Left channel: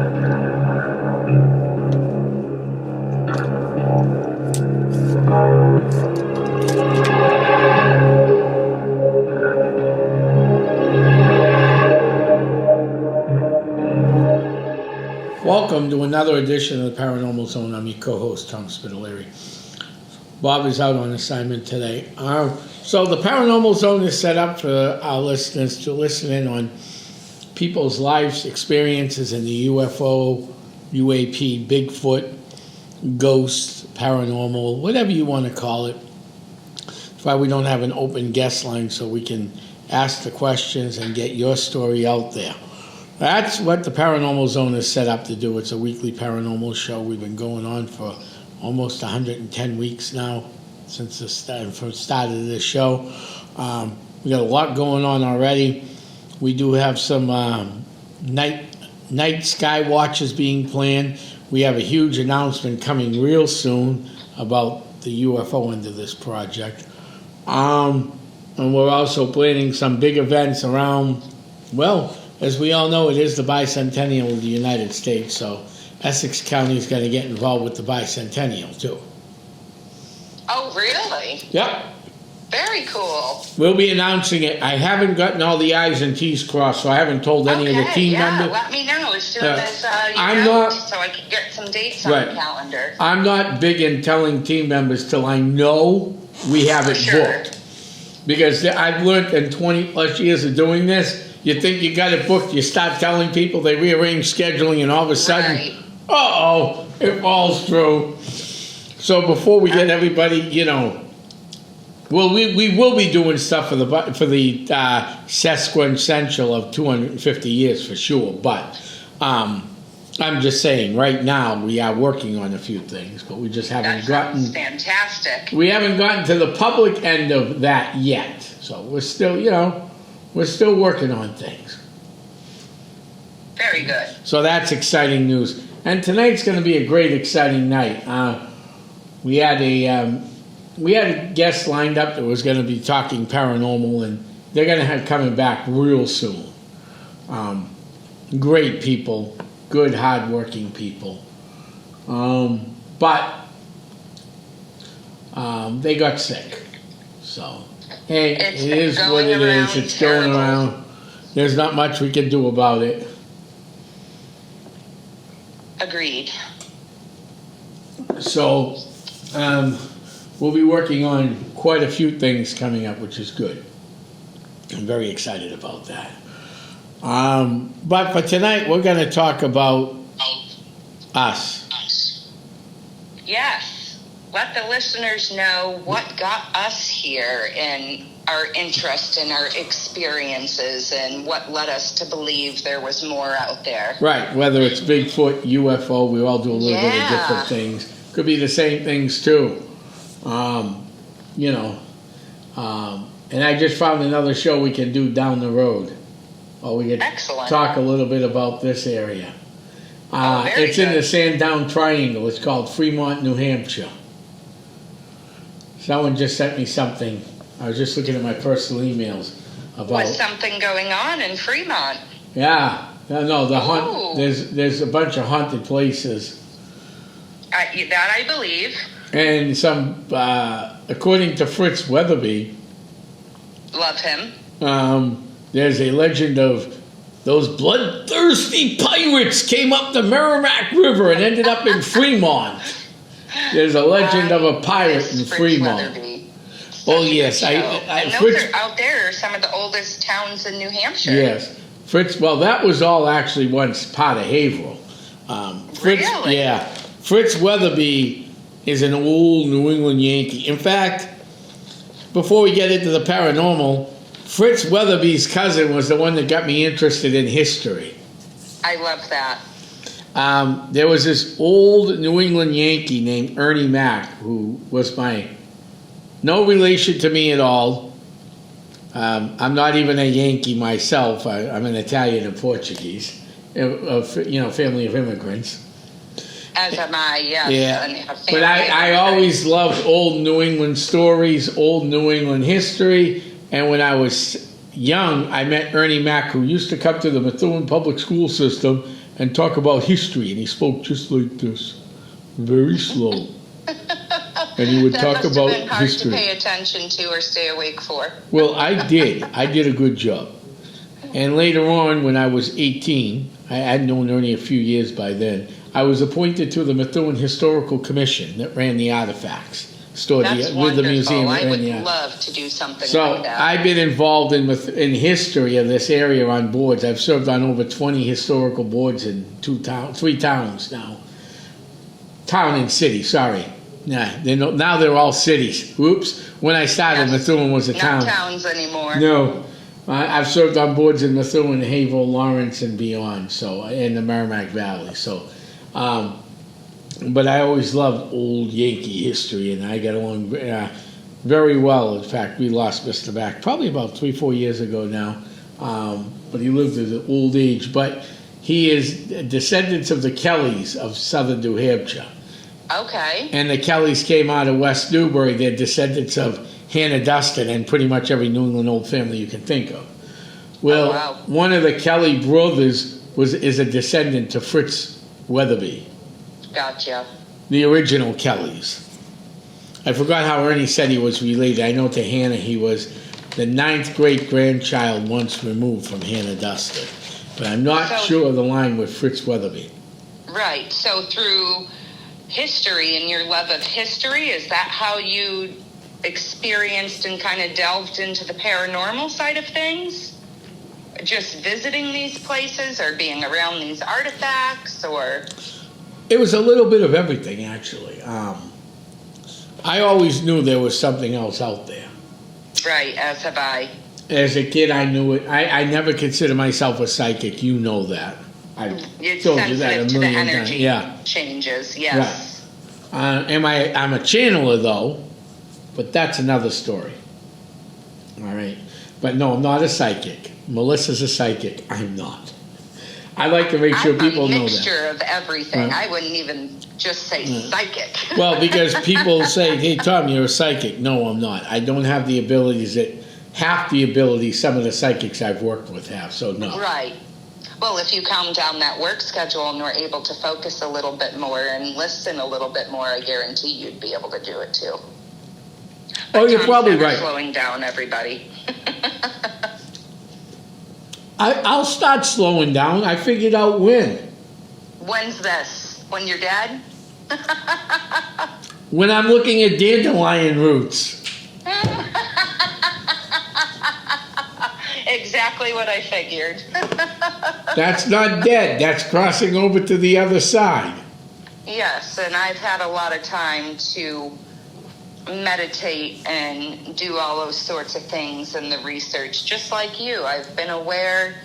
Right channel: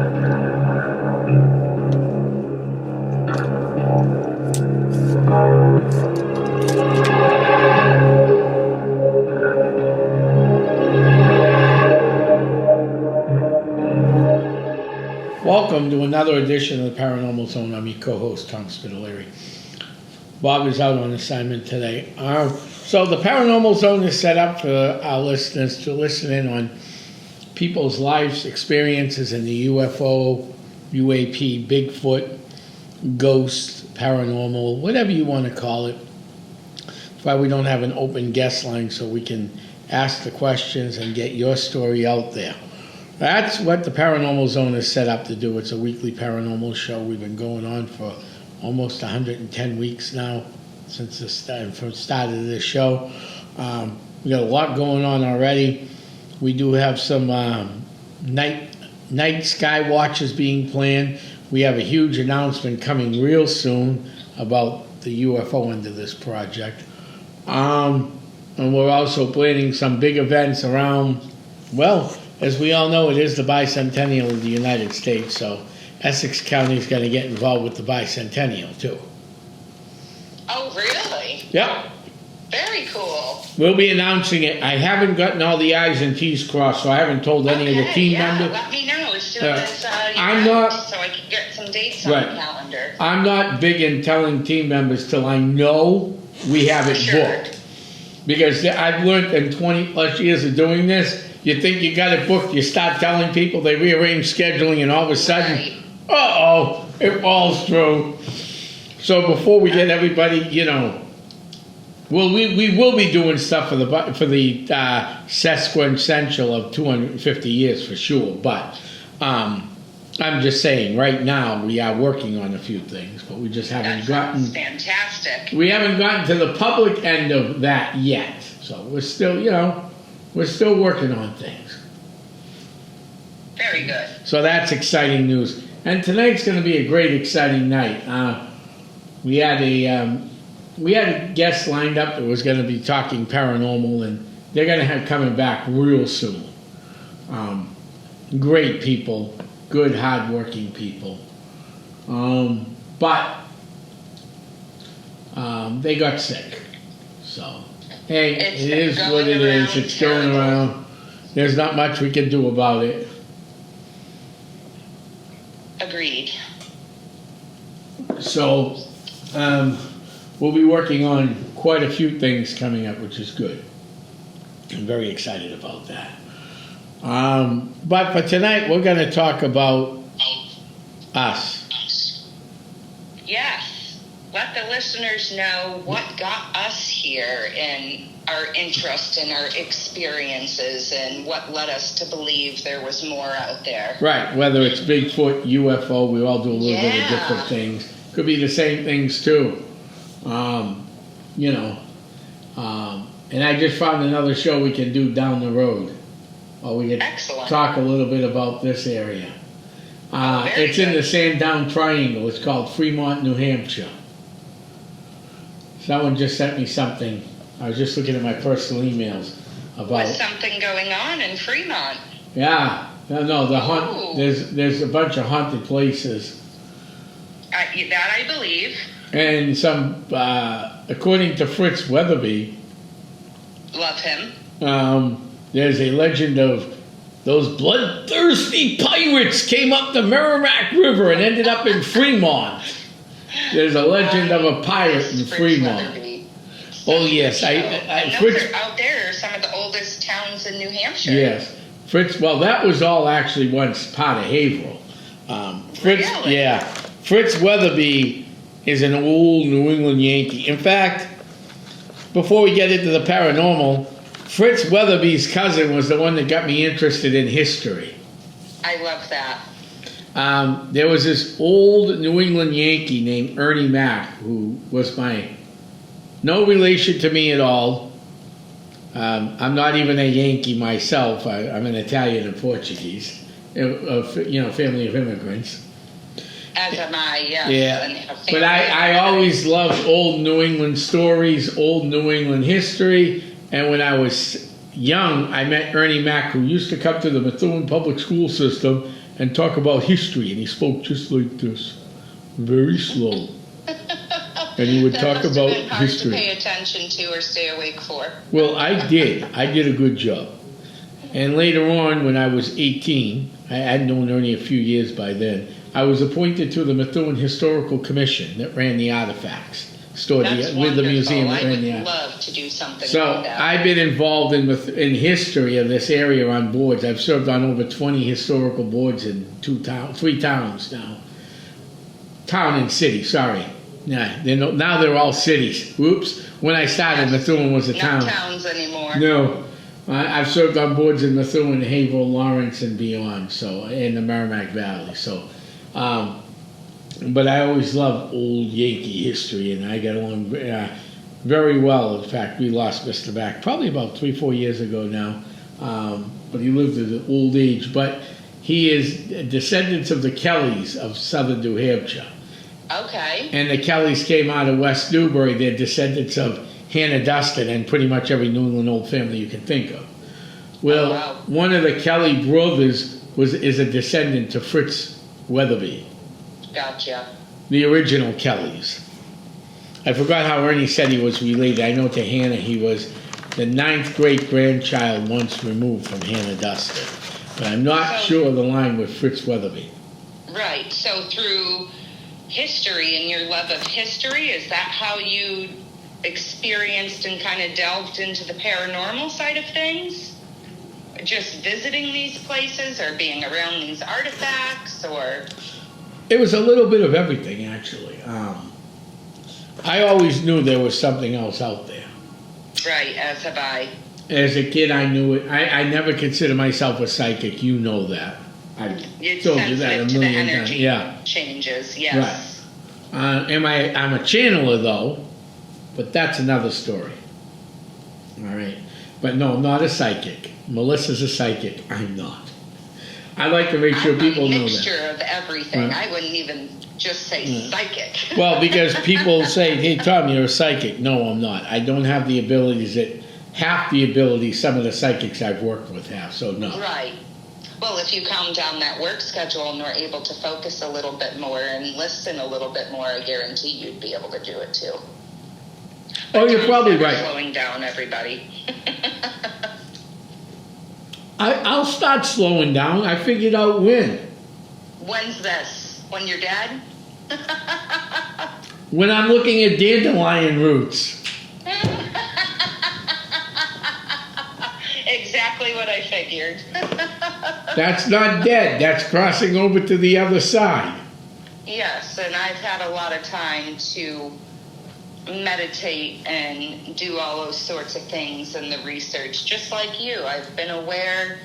Welcome to another edition of the Paranormal Zone. I'm your co-host, Tom Spitalere. Bob is out on assignment today. So the Paranormal Zone is set up for our listeners to listen in on people's lives, experiences in the UFO, UAP, Bigfoot, ghosts, paranormal, whatever you want to call it. That's why we don't have an open guest line, so we can ask the questions and get your story out there. That's what the Paranormal Zone is set up to do. It's a weekly paranormal show. We've been going on for almost 110 weeks now since the start of this show. We got a lot going on already. We do have some night sky watches being planned. We have a huge announcement coming real soon about the UFO end of this project. And we're also planning some big events around, well, as we all know, it is the bicentennial of the United States, so Essex County's got to get involved with the bicentennial, too. Oh, really? Yep. Very cool. We'll be announcing it. I haven't gotten all the I's and T's crossed, so I haven't told any of the team members. Let me know as soon as I'm not, so I can get some dates on the calendar. I'm not big in telling team members till I know we have it booked. Because I've learned in 20 plus years of doing this, you think you got it booked, you start telling people, they rearrange scheduling, and all of a sudden, it falls through. So before we get everybody, well, we will be doing stuff for the sesquicentennial of 250 years for sure. But I'm just saying, right now we are working on a few things, but we just haven't gotten. Fantastic. We haven't gotten to the public end of that yet. So we're still, we're still working on things. Very good. So that's exciting news. And tonight's going to be a great, exciting night. We had a guest lined up that was going to be talking paranormal, and they're going to have coming back real soon. Great people, good, hard-working people. But they got sick. So, hey, it is what it is. It's going around. There's not much we can do about it. Agreed. So, we'll be working on quite a few things coming up, which is good. I'm very excited about that. But for tonight, we're going to talk about us. Yes. Let the listeners know what got us here and our interest and our experiences and what led us to believe there was more out there. Right. Whether it's Bigfoot, UFO, we all do a little bit of different things. Could be the same things too. And I just found another show we can do down the road. Or we could talk a little bit about this area. It's in the Sandown Triangle. It's called Fremont, New Hampshire. Someone just sent me something. I was just looking at my personal emails about. Was something going on in Fremont? Yeah. No, the hunt. There's a bunch of haunted places. That I believe. And some, according to Fritz Weatherby. Love him. There's a legend of those bloodthirsty pirates came up the Merrimack River and ended up in Fremont. There's a legend of a pirate in Fremont. Oh yes, Fritz, out there are some of the oldest towns in New Hampshire. Yes, Fritz. Well, that was all actually once part of Haverhill. Fritz, really? Yeah, Fritz Weatherby is an old New England Yankee. In fact, before we get into the paranormal, Fritz Weatherby's cousin was the one that got me interested in history. I love that. There was this old New England Yankee named Ernie Mac, who was no relation to me at all. I'm not even a Yankee myself. I'm an Italian and Portuguese, family of immigrants. As am I, yes. Yeah, but I always loved old New England stories, old New England history, and when I was young, I met Ernie Mac, who used to come to the Methuen public school system and talk about history. And he spoke just like this, very slow. And he would talk must about have been hard history. to pay attention to or stay awake for. Well, I did. I did a good job. And later on, when I was 18, I had known Ernie a few years by then, I was appointed to the Methuen Historical Commission that ran the artifacts, stored That's with the museum that I ran would the artifacts. love to do something So like that. I've been involved in history of this area on boards. I've served on over 20 historical boards in 3 towns now. Town and city, sorry. Nah, now they're all cities. Whoops. When I started, Methuen was a town. Not towns anymore. No. I've served on boards in Methuen, Haverhill, Lawrence, and beyond, so in the Merrimack Valley. So, but I always loved old Yankee history, and I got on very well. In fact, we lost Mr. Back probably about 3-4 years ago now, but he lived at an old age. But he is descendants of the Kellys of southern New Hampshire. Okay. And the Kellys came out of West Newbury. They're descendants of Hannah Dustin and pretty much every New England old family you can think of. Well, wow. One of the Kelly brothers is a descendant to Fritz Weatherby, Gotcha. the original Kellys. I forgot how Ernie said he was related. I know to Hannah he was the 9th great-grandchild once removed from Hannah Dustin. But I'm not sure of the line with Fritz Weatherby. Right. So through history and your love of history, is that how you experienced and kind of delved into the paranormal side of things? Just visiting these places or being around these artifacts, or? It was a little bit of everything, actually. I always knew there was something else out there. Right, as have I. As a kid, I knew it. I never considered myself a psychic. You know that. I've It's told you that sensitive a to the million times. energy Yeah. changes, yes. Right. I'm a channeler, though, but that's another story. All right. But no, I'm not a psychic. Melissa's a psychic. I'm not. I like to make sure people know I'm a that. mixture of everything. Right. I wouldn't even just say psychic. Well, because people say, hey, Tom, you're a psychic. No, I'm not. I don't have the abilities half the abilities some of the psychics I've worked with have, so no. Right. Well, if you calm down that work schedule and were able to focus a little bit more and listen a little bit more, I guarantee you'd be able to do it too. Oh, you're probably right. Slowing down, everybody. I'll start slowing down. I figured out when. When's this? When you're dead? When I'm looking at dandelion roots. Exactly what I figured. That's not dead. That's crossing over to the other side. Yes, and I've had a lot of time to meditate and do all those sorts of things in the research, just like you. I've been aware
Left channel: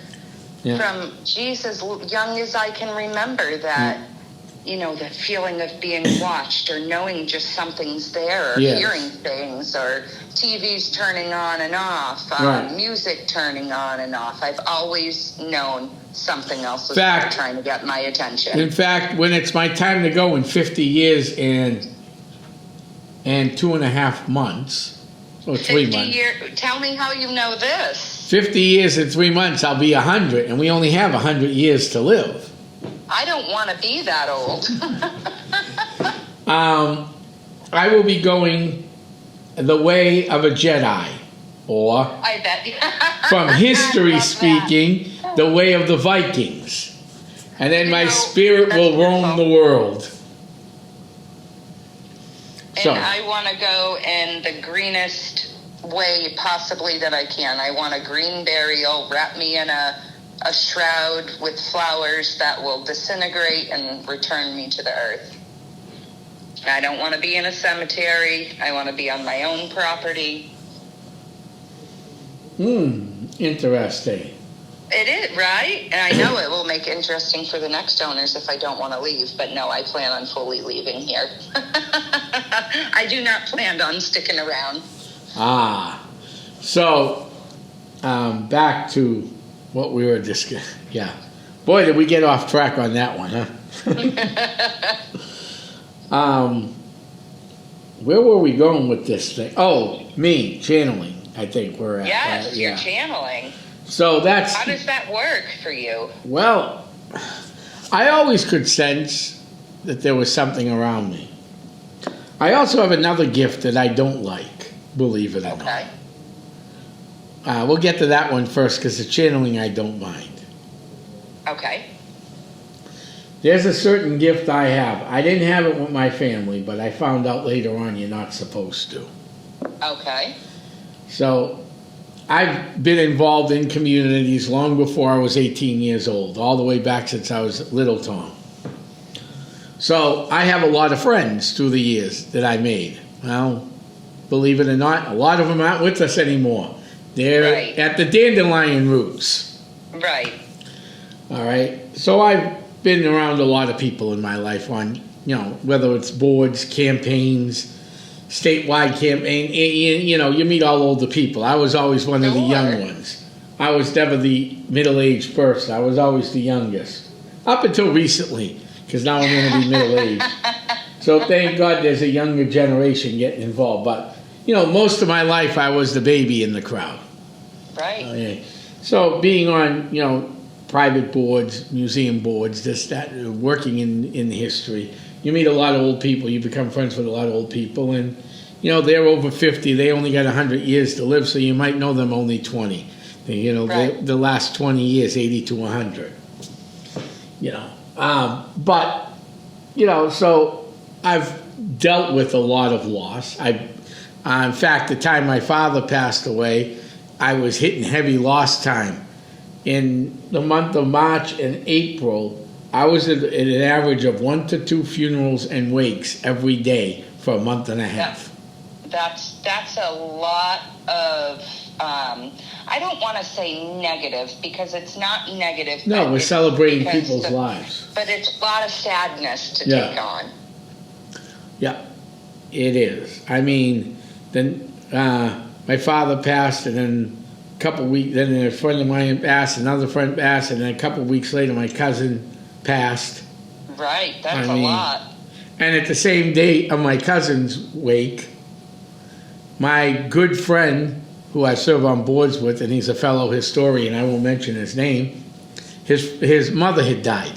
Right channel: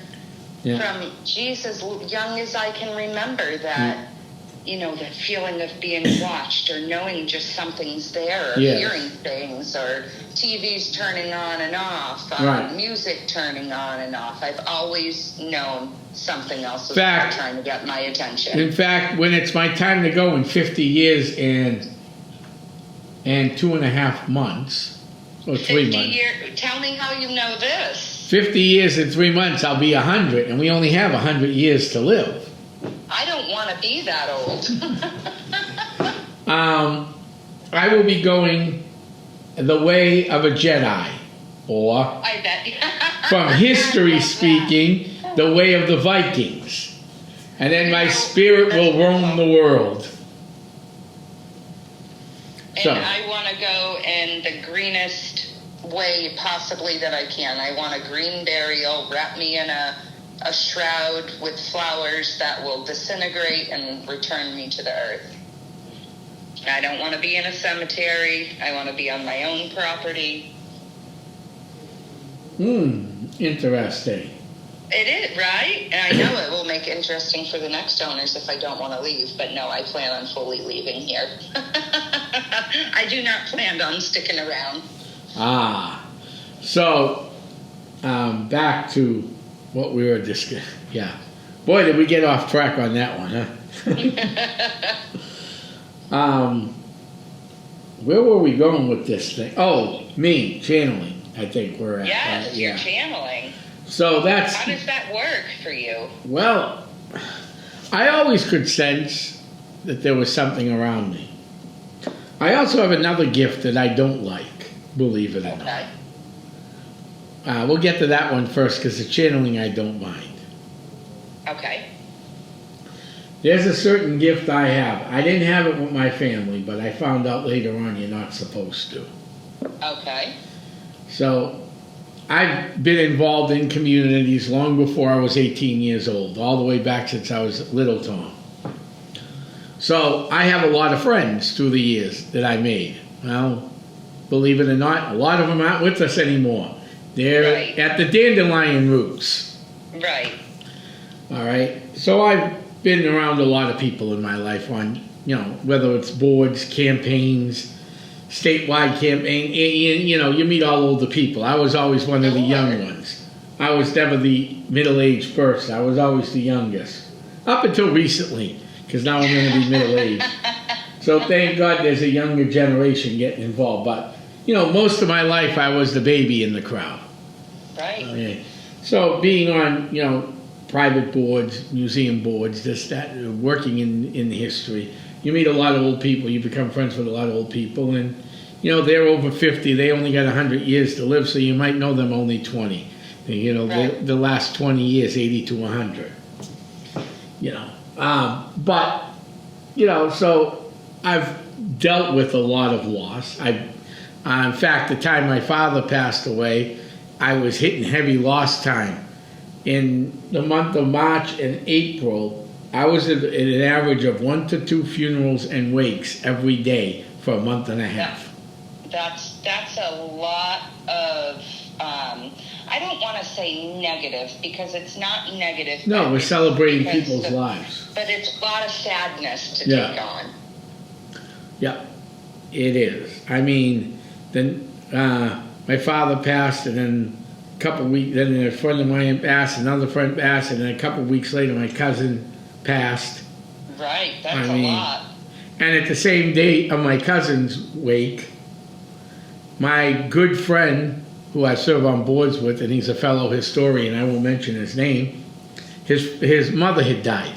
from, as young as I can remember that, that feeling of being watched or knowing just something's there or hearing things or TV's turning on and off, music turning on and off. I've always known something else was trying to get my attention. In fact, when it's my time to go in 50 years and 2.5 months, or 3 months. Tell me how you know this. 50 years and 3 months, I'll be 100, and we only have 100 years to live. I don't want to be that old. I will be going the way of a Jedi, or, I bet. from history speaking, the way of the Vikings. And then my spirit will roam the world. And I want to go in the greenest way possibly that I can. I want a green burial. Wrap me in a shroud with flowers that will disintegrate and return me to the earth. I don't want to be in a cemetery. I want to be on my own property. Interesting. It is, right? And I know it will make it interesting for the next owners if I don't want to leave. But no, I plan on fully leaving here. I do not plan on sticking around. So, back to what we were discussing. Yeah. Boy, did we get off track on that one, huh? Where were we going with this thing? Oh, me, channeling, I think we're at. Yes, you're channeling. So that's... How does that work for you? Well, I always could sense that there was something around me. I also have another gift that I don't like, believe it or Okay. not. We'll get to that one first because the channeling I don't mind. Okay. There's a certain gift I have. I didn't have it with my family, but I found out later on you're not supposed to. Okay. So I've been involved in communities long before I was 18 years old, all the way back since I was little Tom. So I have a lot of friends through the years that I made. Well, believe it or not, a lot of them aren't with us anymore. They're Right. at the dandelion roots. Right. All right. So I've been around a lot of people in my life on, whether it's boards, campaigns, statewide campaign. You meet all older people. I was always one of the young ones. I was never the middle-aged person. I was always the youngest. Up until recently, because now I'm going to be middle-aged. So thank God there's a younger generation getting involved. But, most of my life I was the baby in the crowd. Right. Okay. So being on, private boards, museum boards, working in history, you meet a lot of old people. You become friends with a lot of old people. And, they're over 50. They only got 100 years to live, so you might know them only 20. Right. The last 20 years, 80 to 100. But, so I've dealt with a lot of loss. In fact, the time my father passed away, I was hitting heavy loss time. In the month of March and April, I was at an average of 1 to 2 funerals and wakes every day for a month and a half. That's a lot of, I don't want to say negative because it's not negative. No, we're celebrating people's lives. But it's a lot of sadness to take on. Yeah, it is. I mean, then my father passed, and then a couple weeks, then a friend of mine passed, another friend passed, and then a couple weeks later, my cousin passed. Right, that's a lot. And at the same day of my cousin's wake, my good friend, who I serve on boards with, and he's a fellow historian, I won't mention his name, his mother had died.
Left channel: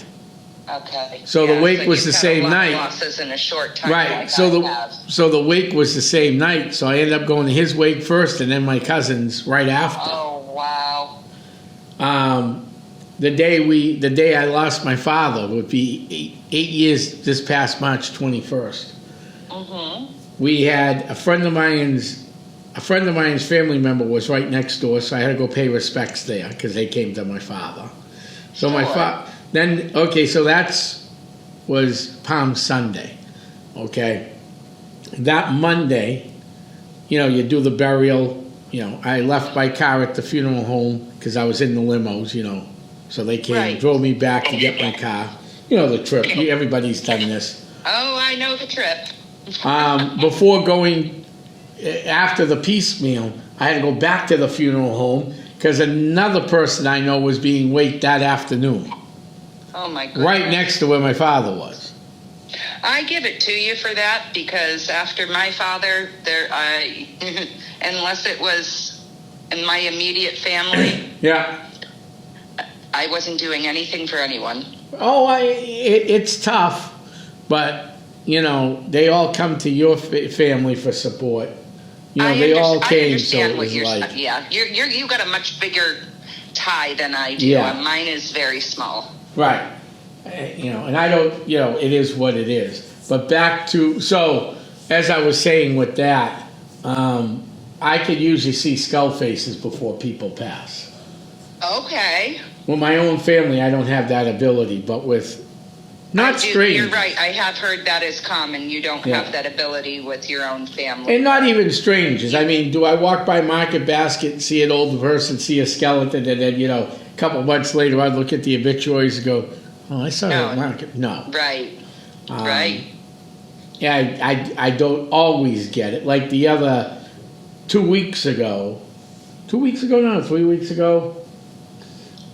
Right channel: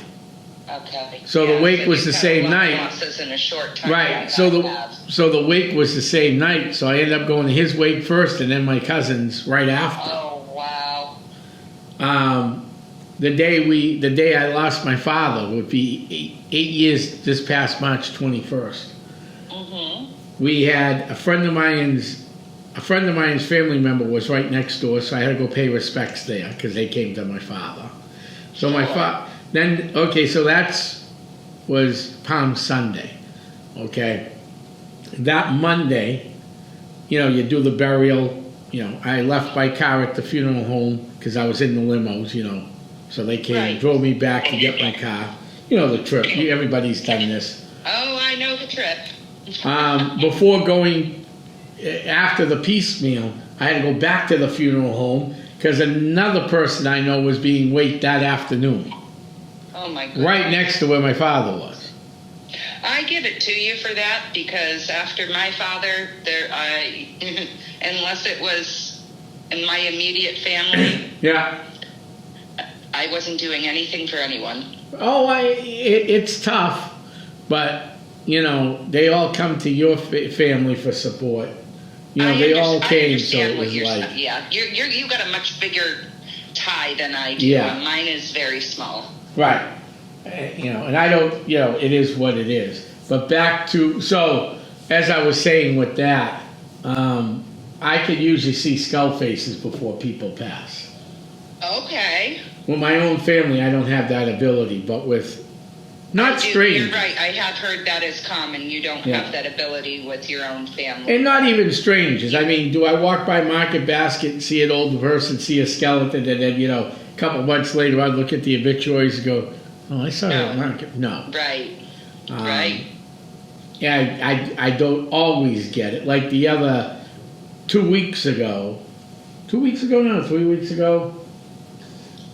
Okay. So the wake was the same night. Losses in a short time. Right. So the wake was the same night. So I ended up going to his wake first, and then my cousin's right after. Oh wow. The day I lost my father would be eight years this past March 21st. Mm-hmm. We had a friend of mine's family member was right next door, so I had to go pay respects there because they came to my father. So my father. Then, okay, so was Palm Sunday, okay? That Monday, you do the burial, I left my car at the funeral home because I was in the limos, so they came and drove me back to get my car. The trip, everybody's done this. Oh, I know the trip. Before going, after the piecemeal, I had to go back to the funeral home because another person I know was being waked that afternoon. Oh my goodness. Right next to where my father was. I give it to you for that because after my father, unless it was in my immediate family, Yeah. I wasn't doing anything for anyone. Oh, it's tough, but they all come to your family for support. They all came, so it was like, yeah, you got a much bigger tie than I do. Yeah. And mine is very small. right. And I don't, it is what it is. But back to, so as I was saying with that, I could usually see skull faces before people pass. Okay. With my own family, I don't have that ability, but with not strange. You're right. I have heard that is common. You don't have that ability with your own family. And not even strangers. I mean, do I walk by Market Basket and see an old person, see a skeleton, and then, a couple months later I'd look at the obituaries and go, oh, I saw that Market. No. Right. Right. Yeah, I don't always get it. Like the other 2 weeks ago, 3 weeks ago,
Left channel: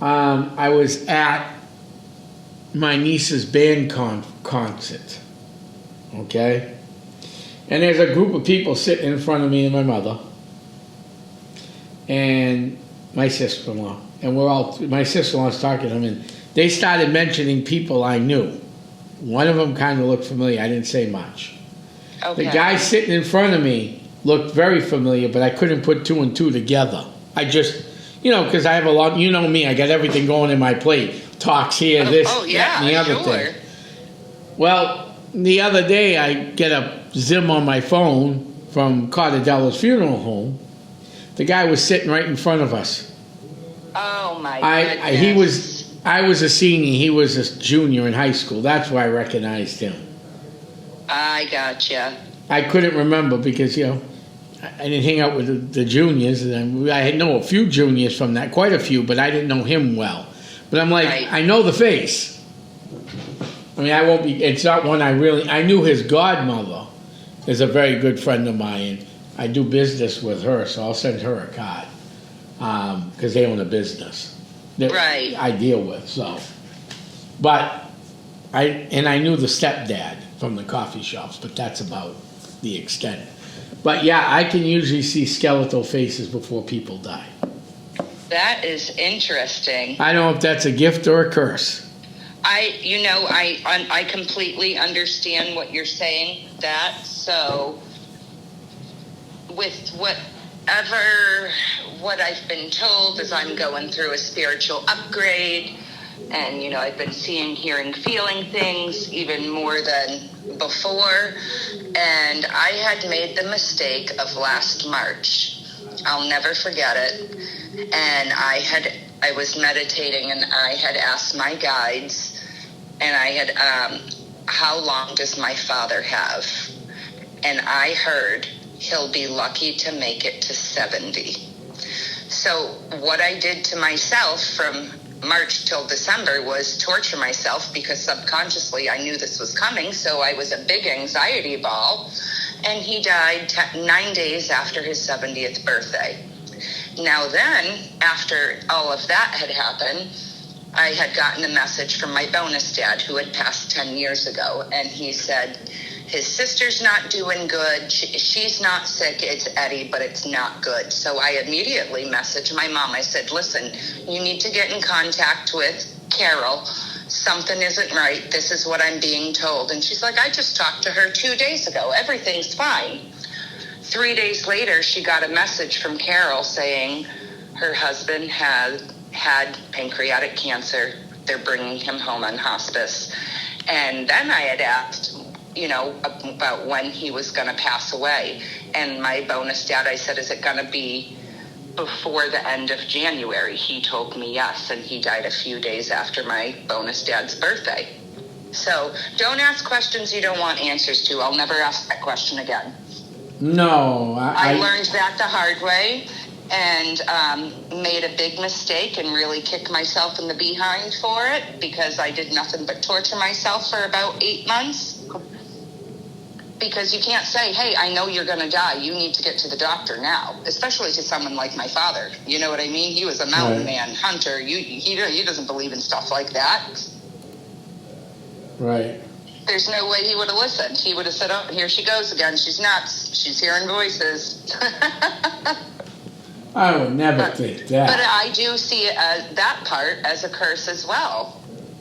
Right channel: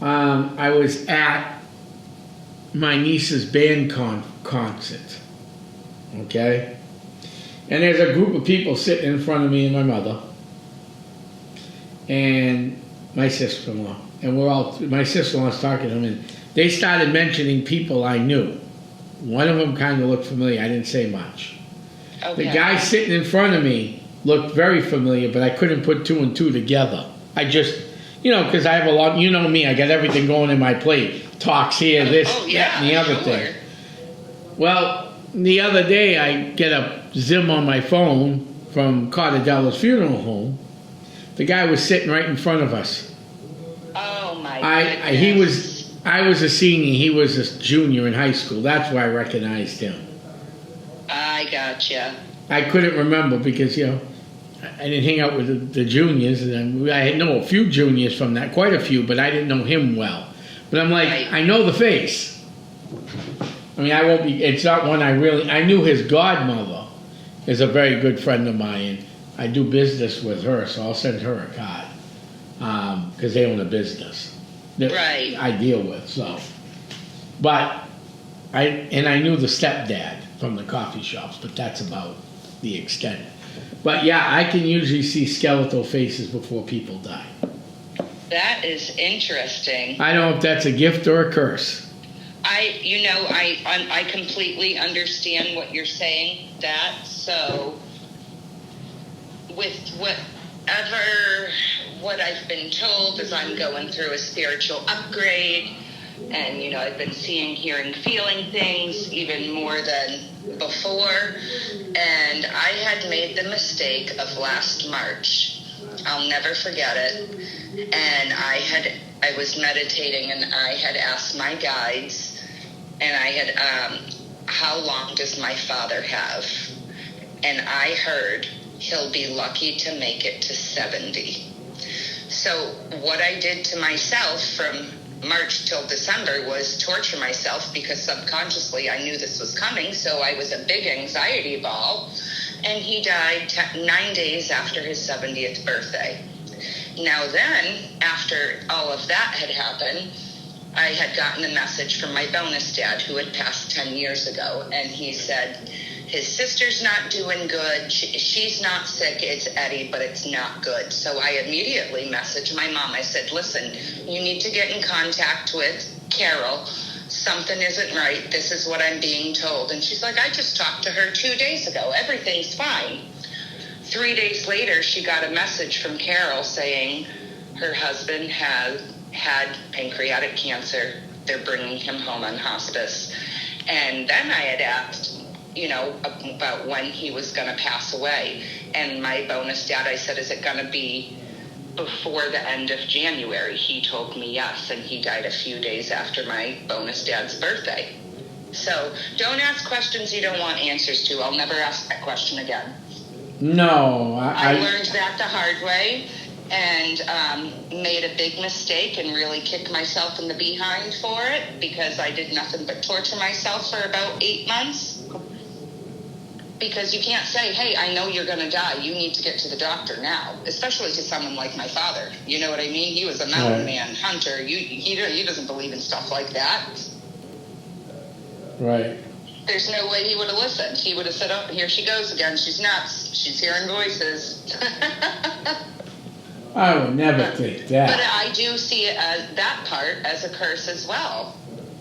I was at my niece's band concert, okay? And there's a group of people sitting in front of me and my mother and my sister-in-law. And my sister-in-law's talking to them, and they started mentioning people I knew. One of them kind of looked familiar. I didn't say much. Okay. The guy sitting in front of me looked very familiar, but I couldn't put two and two together. I just, because I have a lot, you know me, I got everything going in my plate. Talks here, this, that, and the other thing. Well, the other day I get a Zim on my phone from Cartadella's funeral home. The guy was sitting right in front of us. Oh my goodness. I was a senior, he was a junior in high school. That's why I recognized him. I gotcha. I couldn't remember because, I didn't hang out with the juniors, and I know a few juniors from that, quite a few, but I didn't know him well. But I'm like, Right. I know the face. I mean, it's not one I knew his godmother is a very good friend of mine. I do business with her, so I'll send her a card because they own a business that Right. I deal with. So, but I knew the stepdad from the coffee shops, but that's about the extent. But yeah, I can usually see skeletal faces before people die. That is interesting. I don't know if that's a gift or a curse. I completely understand what you're saying. So with what I've been told is I'm going through a spiritual upgrade, and I've been seeing, hearing, feeling things even more than before, and I had made the mistake of last March. I'll never forget it. And I was meditating, and I had asked my guides, and I had, how long does my father have? And I heard he'll be lucky to make it to 70. So what I did to myself from March till December was torture myself, because subconsciously I knew this was coming, so I was a big anxiety ball. And he died 9 days after his 70th birthday. Now then, after all of that had happened, I had gotten a message from my bonus dad, who had passed 10 years ago, and he said, his sister's not doing good. She's not sick. It's Eddie, but it's not good. So I immediately messaged my mom. I said, listen, you need to get in contact with Carol. Something isn't right. This is what I'm being told. And she's like, I just talked to her 2 days ago. Everything's fine. 3 days later, she got a message from Carol saying her husband had pancreatic cancer. They're bringing him home on hospice. And then I had asked, about when he was going to pass away. And my bonus dad, I said, is it going to be before the end of January? He told me yes, and he died a few days after my bonus dad's birthday. So don't ask questions you don't want answers to. I'll never ask that question again. No, I learned that the hard way, and made a big mistake and really kicked myself in the behind for it, because I did nothing but torture myself for about 8 months. Because you can't say, hey, I know you're going to die. You need to get to the doctor now, especially to someone like my father. You know what I mean? He was a mountain man, hunter. He doesn't believe in stuff like that. Right. There's no way he would have listened. He would have said, oh, here she goes again. She's nuts. She's hearing voices. I would never think that. But I do see that part as a curse as well.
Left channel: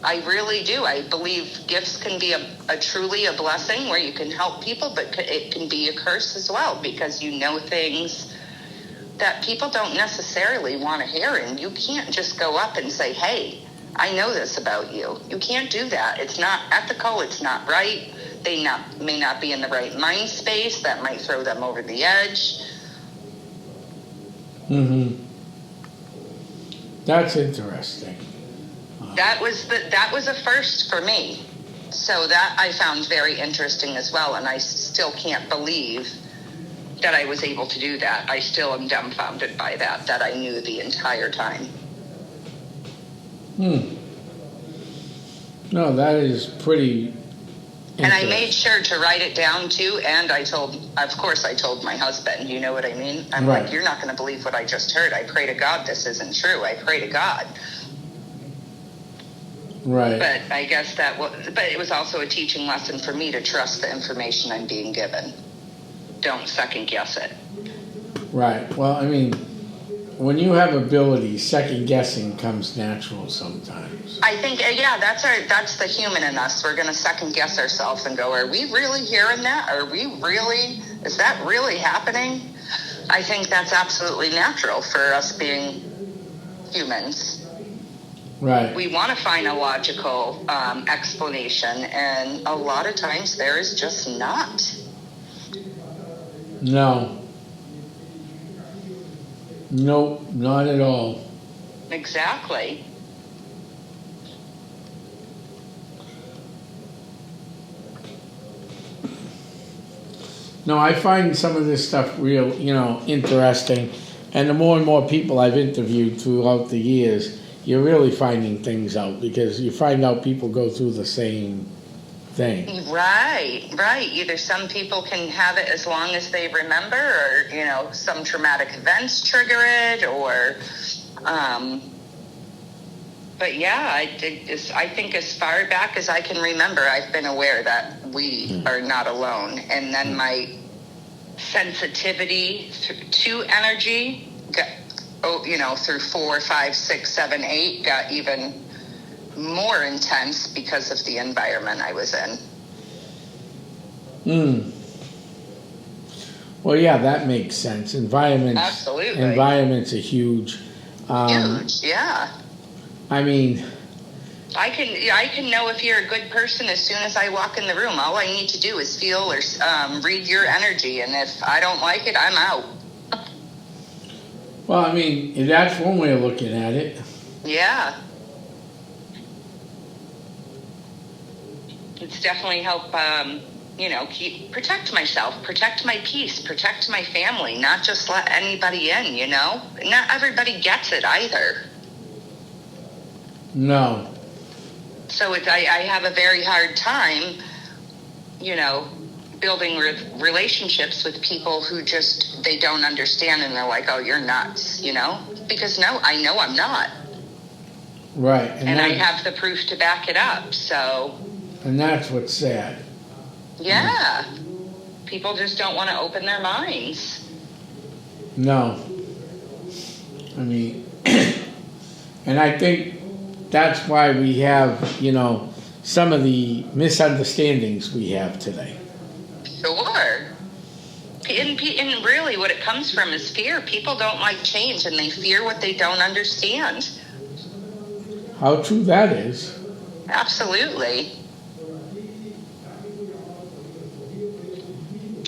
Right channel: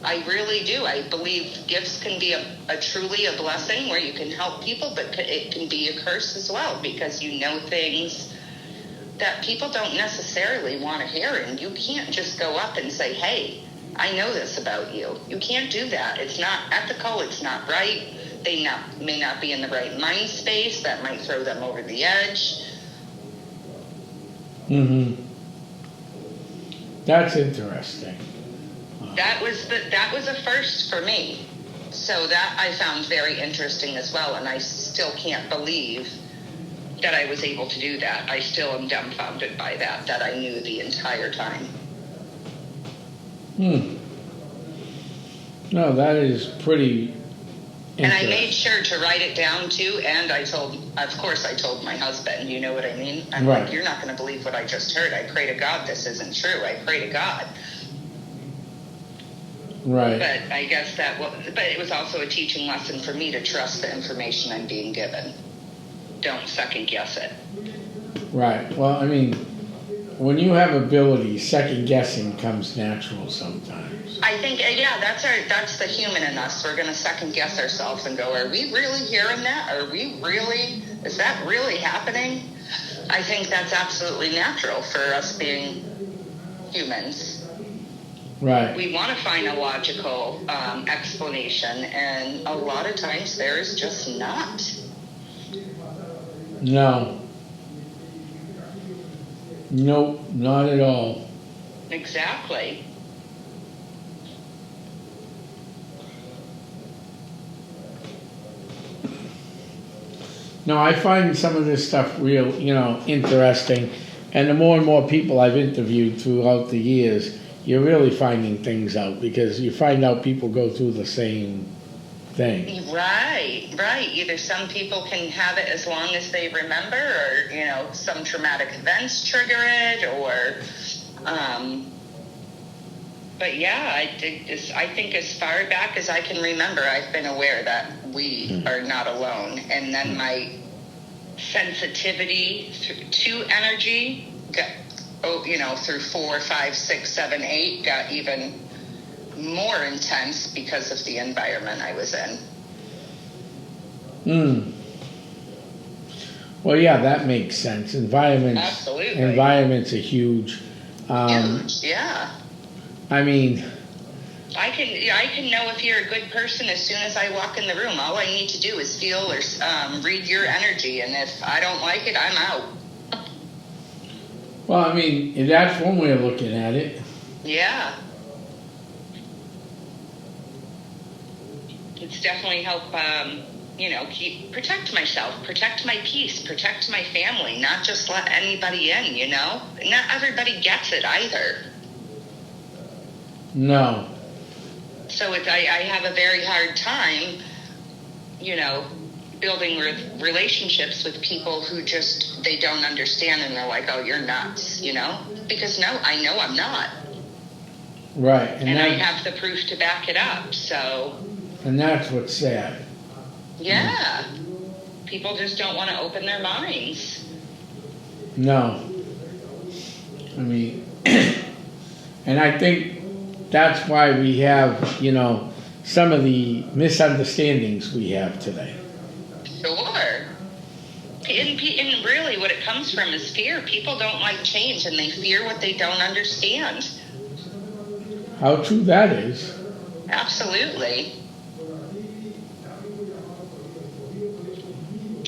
I really do. I believe gifts can be truly a blessing where you can help people, but it can be a curse as well, because you know things that people don't necessarily want to hear, and you can't just go up and say, hey, I know this about you. You can't do that. It's not ethical. It's not right. They may not be in the right mind space. That might throw them over the edge. Mm-hmm. That's interesting. That was a first for me. So that I found very interesting as well, and I still can't believe that I was able to do that. I still am dumbfounded by that I knew the entire time. No, that is pretty And I made sure to write it down too, and I told my husband, you know what I mean? I'm right. like, you're not going to believe what I just heard. I pray to God this isn't true. I pray to God. Right. But I guess but it was also a teaching lesson for me to trust the information I'm being given. Don't second guess it. Right. Well, I mean, when you have ability, second guessing comes natural sometimes. I think, yeah, that's the human in us. We're going to second guess ourselves and go, are we really hearing that? Is that really happening? I think that's absolutely natural for us being humans. Right. We want to find a logical explanation, and a lot of times there is just not. No. Nope, not at all. Exactly. No, I find some of this stuff real, interesting. And the more and more people I've interviewed throughout the years, you're really finding things out because you find out people go through the same thing. Right. Either some people can have it as long as they remember, or, some traumatic events trigger it, or, but yeah, I think as far back as I can remember, I've been aware that we are not alone. And then my sensitivity to energy got, through 4, 5, 6, 7, 8 got even more intense because of the environment I was in. Well, yeah, that makes sense. Absolutely. Environments are huge. Huge, yeah. I mean, I can know if you're a good person as soon as I walk in the room. All I need to do is feel or read your energy, and if I don't like it, I'm out. well, I mean, that's one way of looking at it. Yeah. It's definitely help, protect myself, protect my peace, protect my family, not just let anybody in, Not everybody gets it either. No. So I have a very hard time, building relationships with people who they don't understand, and they're like, oh, you're nuts, Because no, I know I'm not. Right. And I have the proof to back it up, so... And that's what's sad. Yeah. People just don't want to open their minds. No. I mean, and I think that's why we have, some of the misunderstandings we have today. Sure. And really what it comes from is fear. People don't like change, and they fear what they don't understand. How true that is. Absolutely.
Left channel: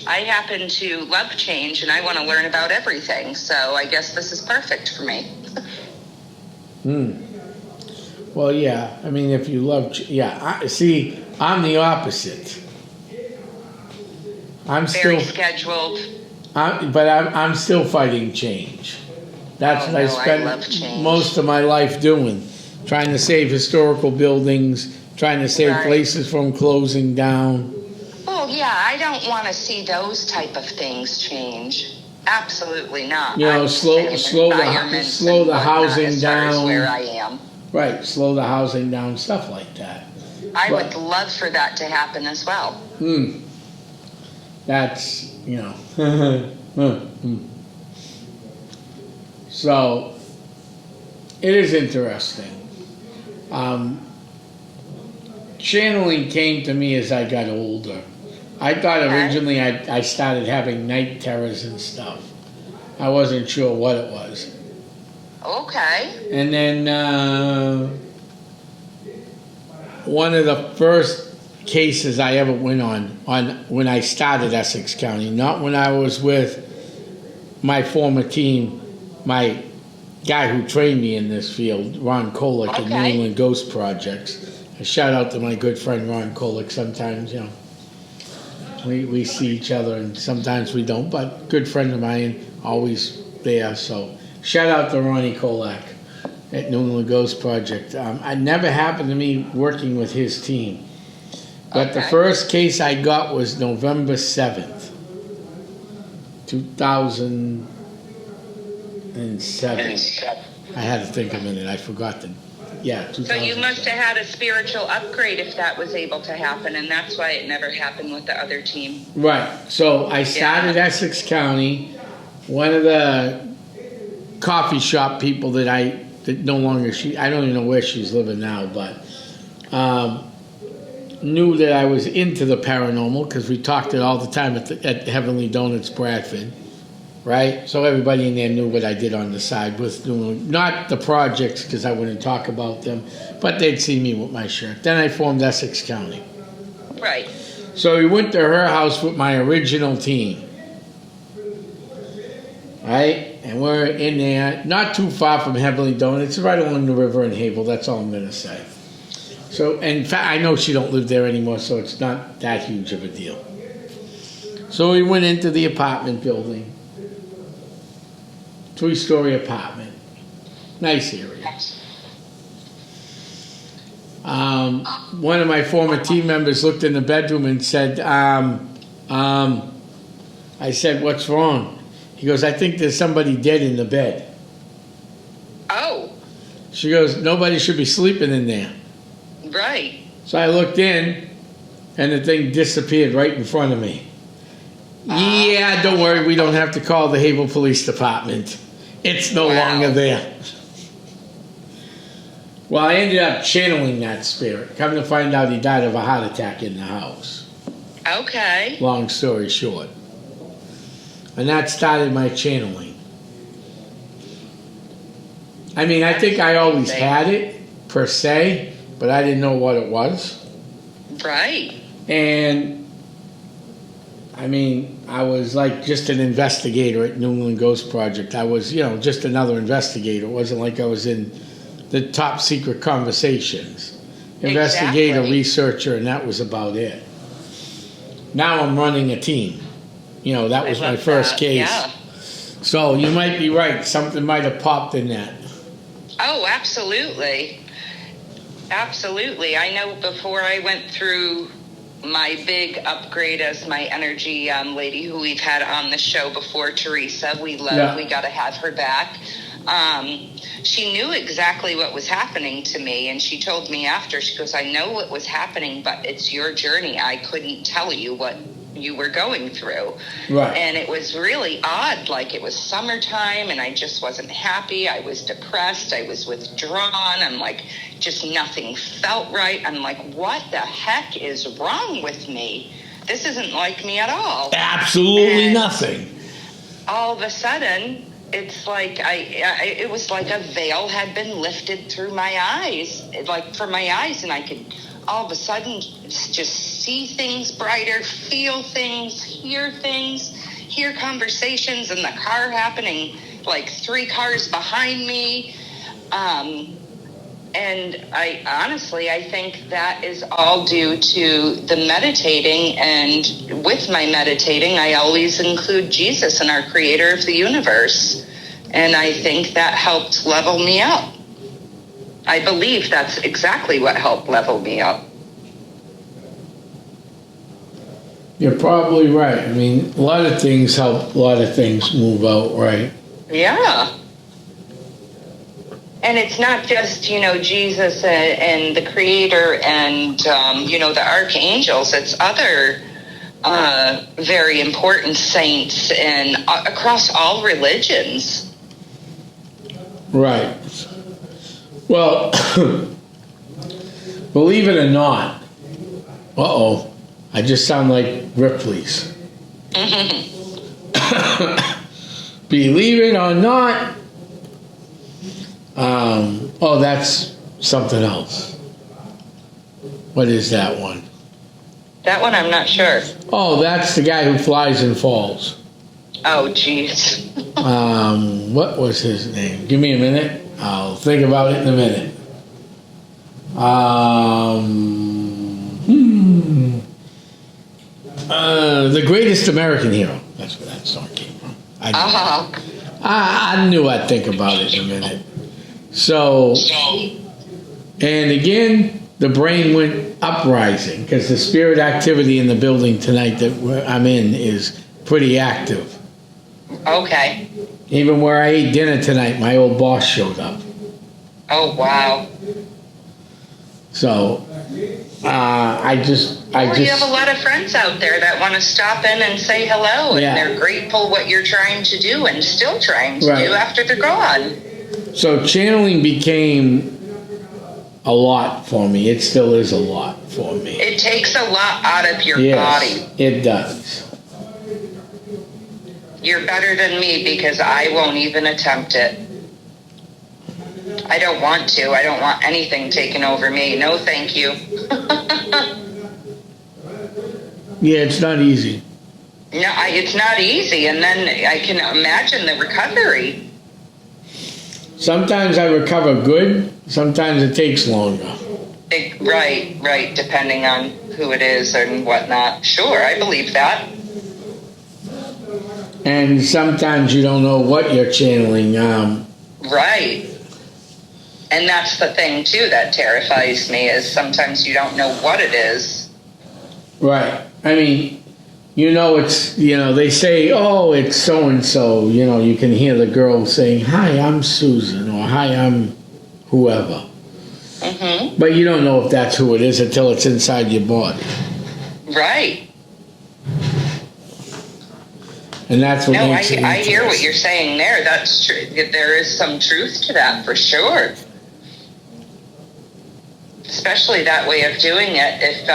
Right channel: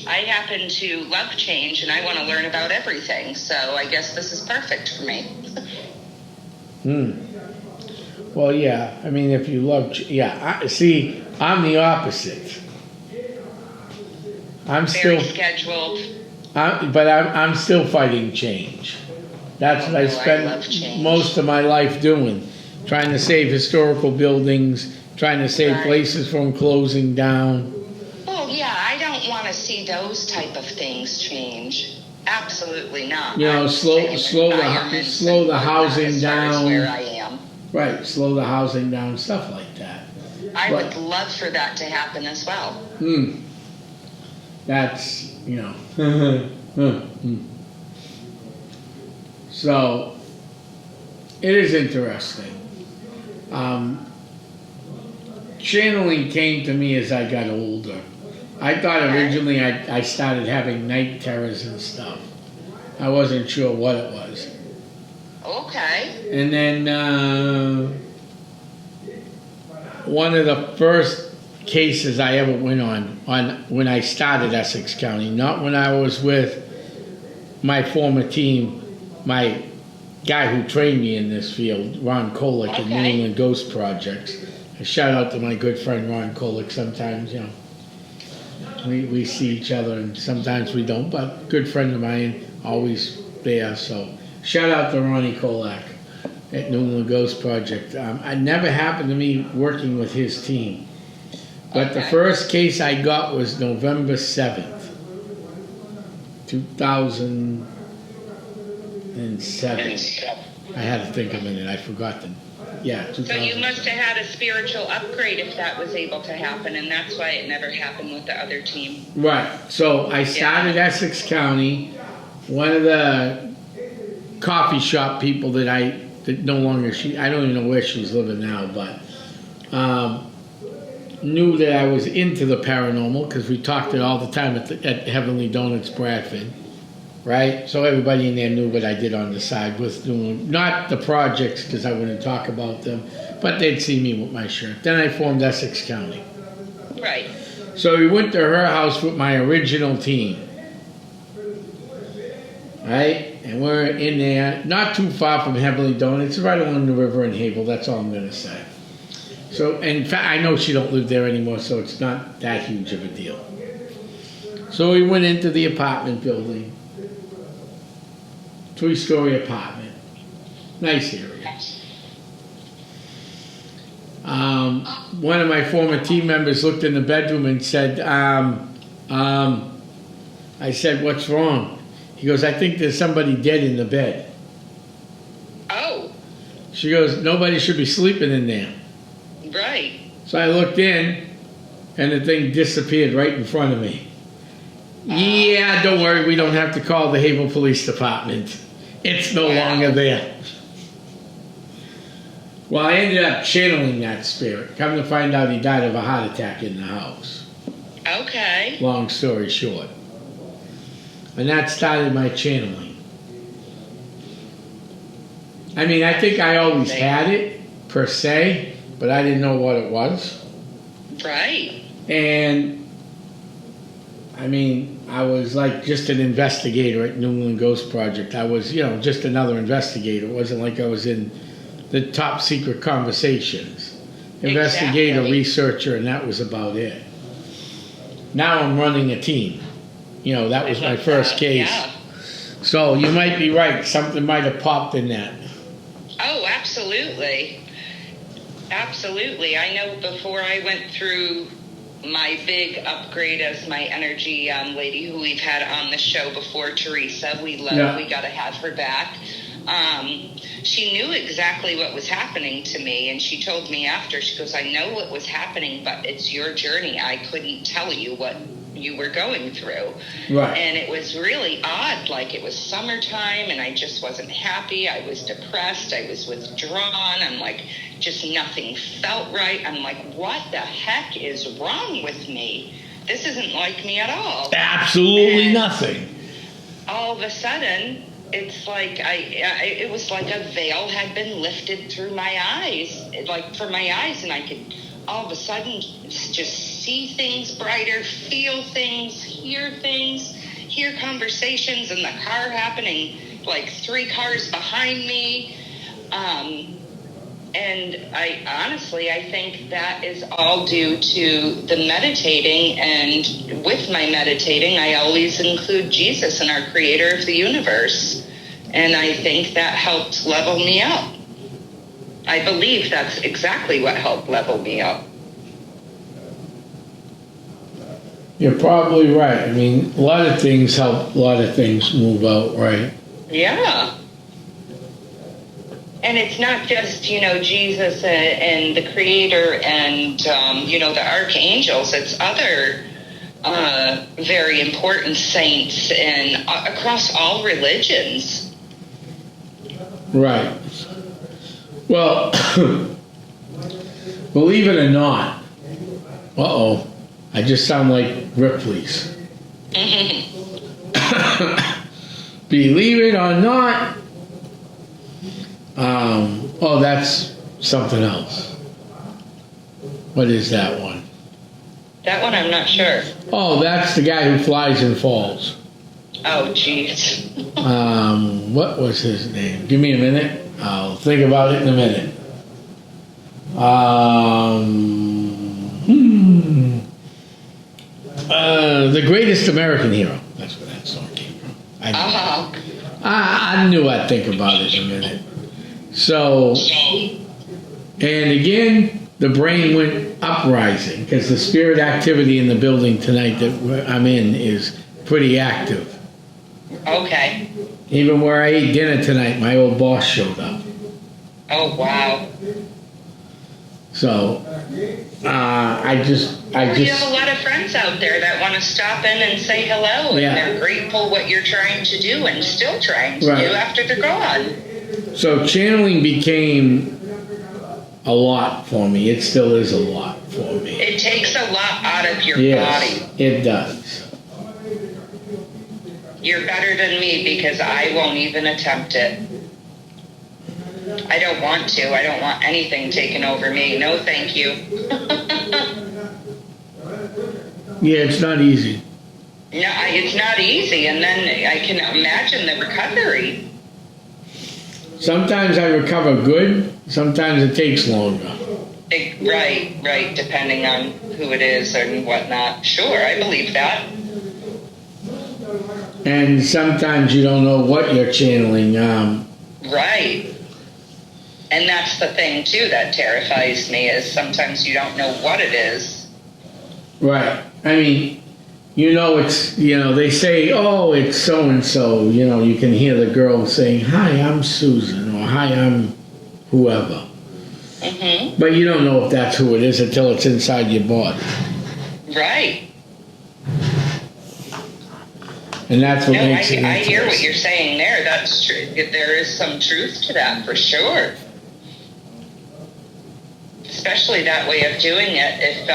I happen to love change, and I want to learn about everything, so I guess this is perfect for me. Well, yeah. I mean, if you love... I'm the opposite. I'm Very still... scheduled. But I'm still fighting change. That's what I spent most of my life doing. Trying to save historical buildings, trying to save places from closing down. Oh, yeah, I don't want to see those type of things change. Absolutely not. Slow the housing down. Where I am. Right, slow the housing down, stuff like that. I would love for that to happen as well. That's, So, it is interesting. Channeling came to me as I got older. I thought originally I started having night terrors and stuff. I wasn't sure what it was. Okay. And then one of the first cases I ever went on when I started Essex County, not when I was with my former team, my guy who trained me in this field, Ron Kolick in New England Ghost Projects. A shout out to my good friend Ron Kolick. Sometimes, we see each other and sometimes we don't, but good friend of mine, always there. So shout out to Ronnie Kolick at New England Ghost Project. It never happened to me working with his team. But the first case I got was November 7th, 2007. I had to think a minute. I forgot the... Yeah, 2007. So you must have had a spiritual upgrade if that was able to happen, and that's why it never happened with the other team. Right. So I started Essex County. One of the coffee shop people that no longer, I don't even know where she's living now, but knew that I was into the paranormal because we talked it all the time at Heavenly Donuts Bradford, right? So everybody in there knew what I did on the side with doing, not the projects because I wouldn't talk about them, but they'd see me with my shirt. Then I formed Essex County. Right. So we went to her house with my original team, right? And we're in there, not too far from Heavenly Donuts, right along the river in Havel. That's all I'm going to say. So, and in fact, I know she don't live there anymore, so it's not that huge of a deal. So we went into the apartment building, 3-story apartment, nice area. One of my former team members looked in the bedroom and said, I said, "What's wrong?" He goes, "I think there's somebody dead in the bed." Oh. She goes, "Nobody should be sleeping in there." Right. So I looked in, and the thing disappeared right in front of me. Yeah, don't worry, we don't have to call the Havel Police Department. It's no longer there. Well, I ended up channeling that spirit. Come to find out, he died of a heart attack in the house. Okay. Long story short. And that started my channeling. I mean, I think I always had it, per se, but I didn't know what it was. Right. And, I mean, I was like just an investigator at New England Ghost Project. I was, just another investigator. It wasn't like I was in the top secret conversations. Investigator, researcher, and that was about it. Now I'm running a team. That was my first case. Yeah. So you might be right. Something might have popped in that. Oh, absolutely. Absolutely. I know before I went through my big upgrade as my energy lady who we've had on the show before, Teresa, we got to have her back. She knew exactly what was happening to me, and she told me after, she goes, "I know what was happening, but it's your journey. I couldn't tell you what you were going through." Right. And it was really odd. Like, it was summertime, and I just wasn't happy. I was depressed. I was withdrawn. I'm like, just nothing felt right. I'm like, what the heck is wrong with me? This isn't like me at all. Absolutely nothing. All of a sudden, it's like it was like a veil had been lifted through my eyes, like for my eyes, and I could all of a sudden just see things brighter, feel things, hear conversations in the car happening, like 3 cars behind me. And I think that is all due to the meditating, and with my meditating, I always include Jesus and our creator of the universe. And I think that helped level me up. I believe that's exactly what helped level me up. You're probably right. I mean, a lot of things help, a lot of things move out, right? Yeah. And it's not just, Jesus and the creator and, the archangels. It's other very important saints and across all religions. Right. Well, believe it or not, I just sound like Ripley's. Believe it or not, that's something else. What is that one? That one I'm not sure. Oh, that's the guy who flies and falls. Oh, jeez. What was his name? Give me a minute. I'll think about it in a minute. The Greatest American Hero. That's where that song came from. I knew I'd think about it in a minute. So, and again, the brain went uprising because the spirit activity in the building tonight that I'm in is pretty active. Okay. Even where I ate dinner tonight, my old boss showed up. Oh, wow. So, I just. You have a lot of friends out there that want to stop in and say hello, and they're grateful what you're trying to do and still trying to do after they're gone. So channeling became a lot for me. It still is a lot for me. It takes a lot out of your body. It does. You're better than me because I won't even attempt it. I don't want to. I don't want anything taken over me. No, thank you. Yeah, it's not easy. No, it's not easy. And then I can imagine the recovery. Sometimes I recover good. Sometimes it takes longer. Right. Depending on who it is and whatnot. Sure, I believe that. And sometimes you don't know what you're channeling. Right. And that's the thing, too, that terrifies me, is sometimes you don't know what it is. Right. I mean, it's, they say, oh, it's so-and-so. You can hear the girl saying, hi, I'm Susan, or hi, I'm whoever. Mm-hmm. But you don't know if that's who it is until it's inside your body. Right. And that's what makes it interesting. I hear what you're saying there. That's true. There is some truth to that, for sure. Especially that way of doing it, if,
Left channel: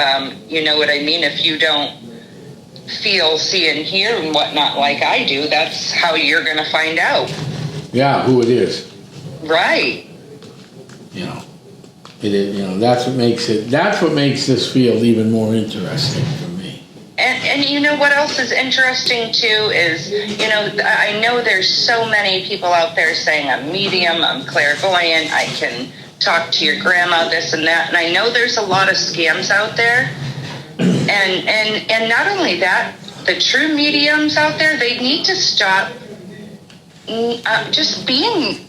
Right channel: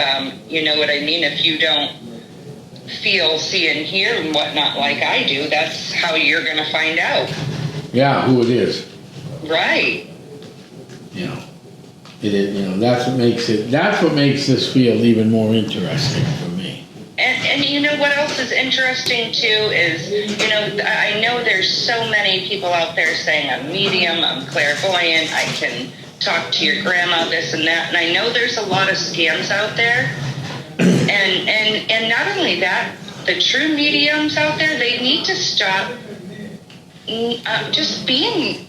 you know what I mean, if you don't feel, see, and hear and whatnot like I do, that's how you're going to find out. Yeah, who it is. Right. It is, that's what makes this field even more interesting for me. And you know what else is interesting too is, I know there's so many people out there saying I'm medium, I'm clairvoyant, I can talk to your grandma, this and that, and I know there's a lot of scams out there. And not only that, the true mediums out there, they need to stop just being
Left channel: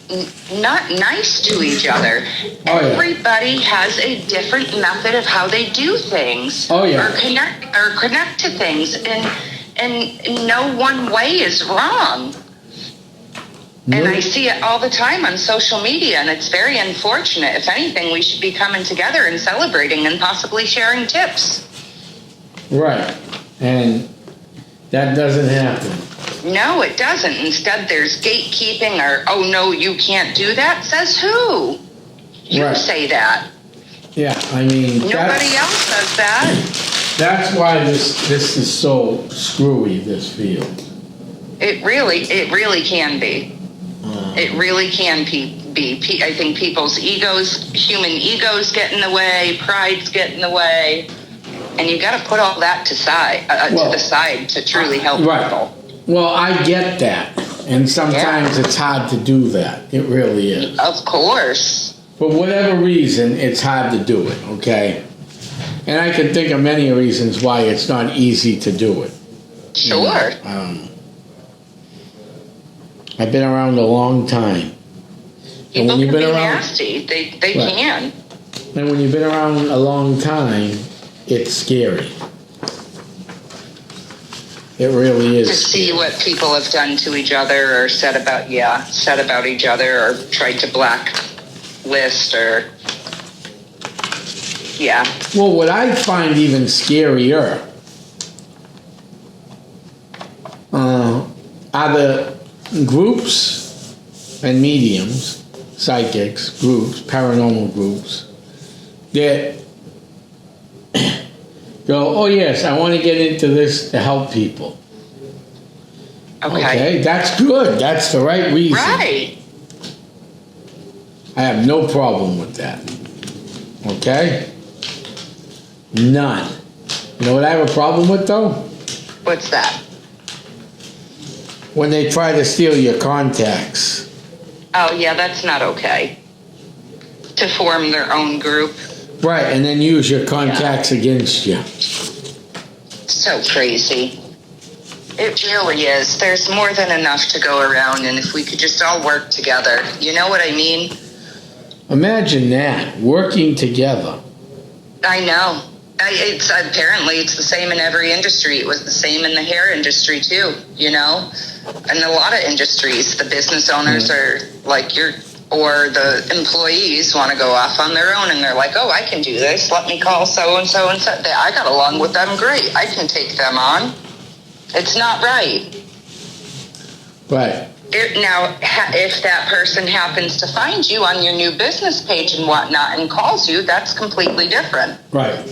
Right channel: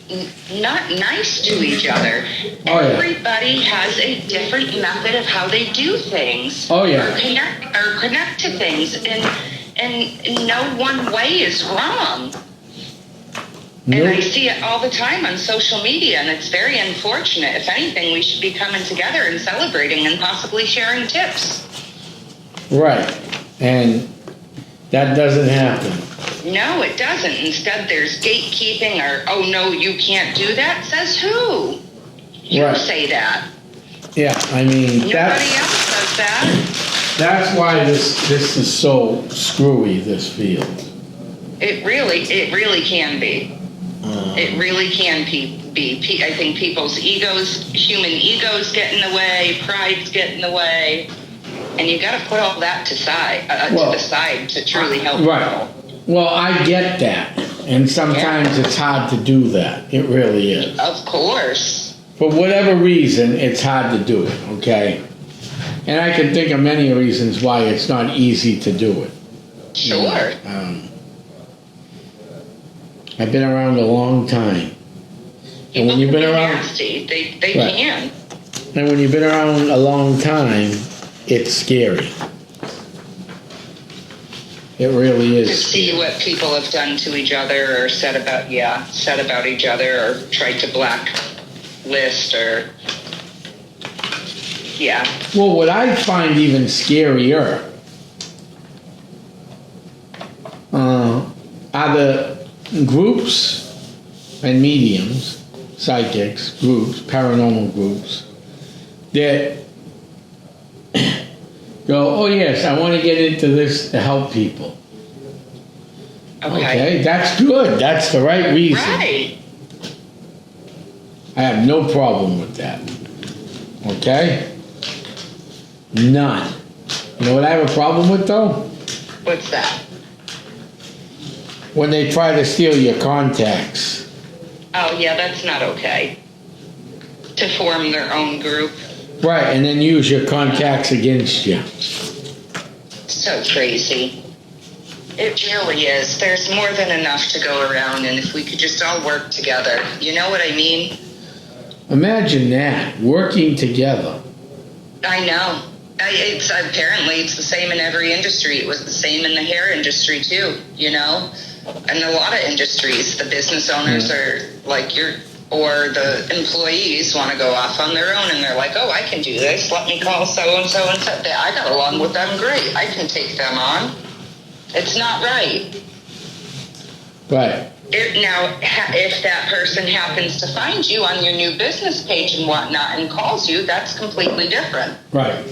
not nice to each other. Oh, yeah. Everybody has a different method of how they do things. Oh, yeah. Or connect to things, and no one way is wrong. Nope. And I see it all the time on social media, and it's very unfortunate. If anything, we should be coming together and celebrating and possibly sharing tips. Right. And that doesn't happen. No, it doesn't. Instead, there's gatekeeping or, oh, no, you can't do that. Says who? You say that. Yeah, I mean... Nobody else does that. That's why this is so screwy, this field. It really can be. It really can be. I think people's human egos get in the way, prides get in the way, and you got to put all that to the side to truly help people. Well, I get that, and sometimes it's hard to do that. It really is. Of course. For whatever reason, it's hard to do it, okay? And I can think of many reasons why it's not easy to do it. Sure. I've been around a long time. And when you've been around, nasty. They can. And when you've been around a long time, it's scary. It really is. To see what people have done to each other or said about each other or tried to blacklist or, Well, what I find even scarier are the groups and mediums, psychics, groups, paranormal groups, that go, oh yes, I want to get into this to help people. Okay, that's good. That's the right reason. Right. I have no problem with that. Okay? None. You know what I have a problem with, though? What's that? When they try to steal your contacts. Oh, yeah, that's not okay. To form their own group. Right, and then use your contacts against you. So crazy. It really is. There's more than enough to go around, and if we could just all work together. You know what I mean? Imagine that, working together. I know. Apparently it's the same in every industry. It was the same in the hair industry, too, And a lot of industries, the business owners are like, you're or the employees want to go off on their own and they're like, oh, I can do this. Let me call so-and-so and say, I got along with them great. I can take them on. It's not right. Right. Now, if that person happens to find you on your new business page and whatnot and calls you, that's completely different. Right.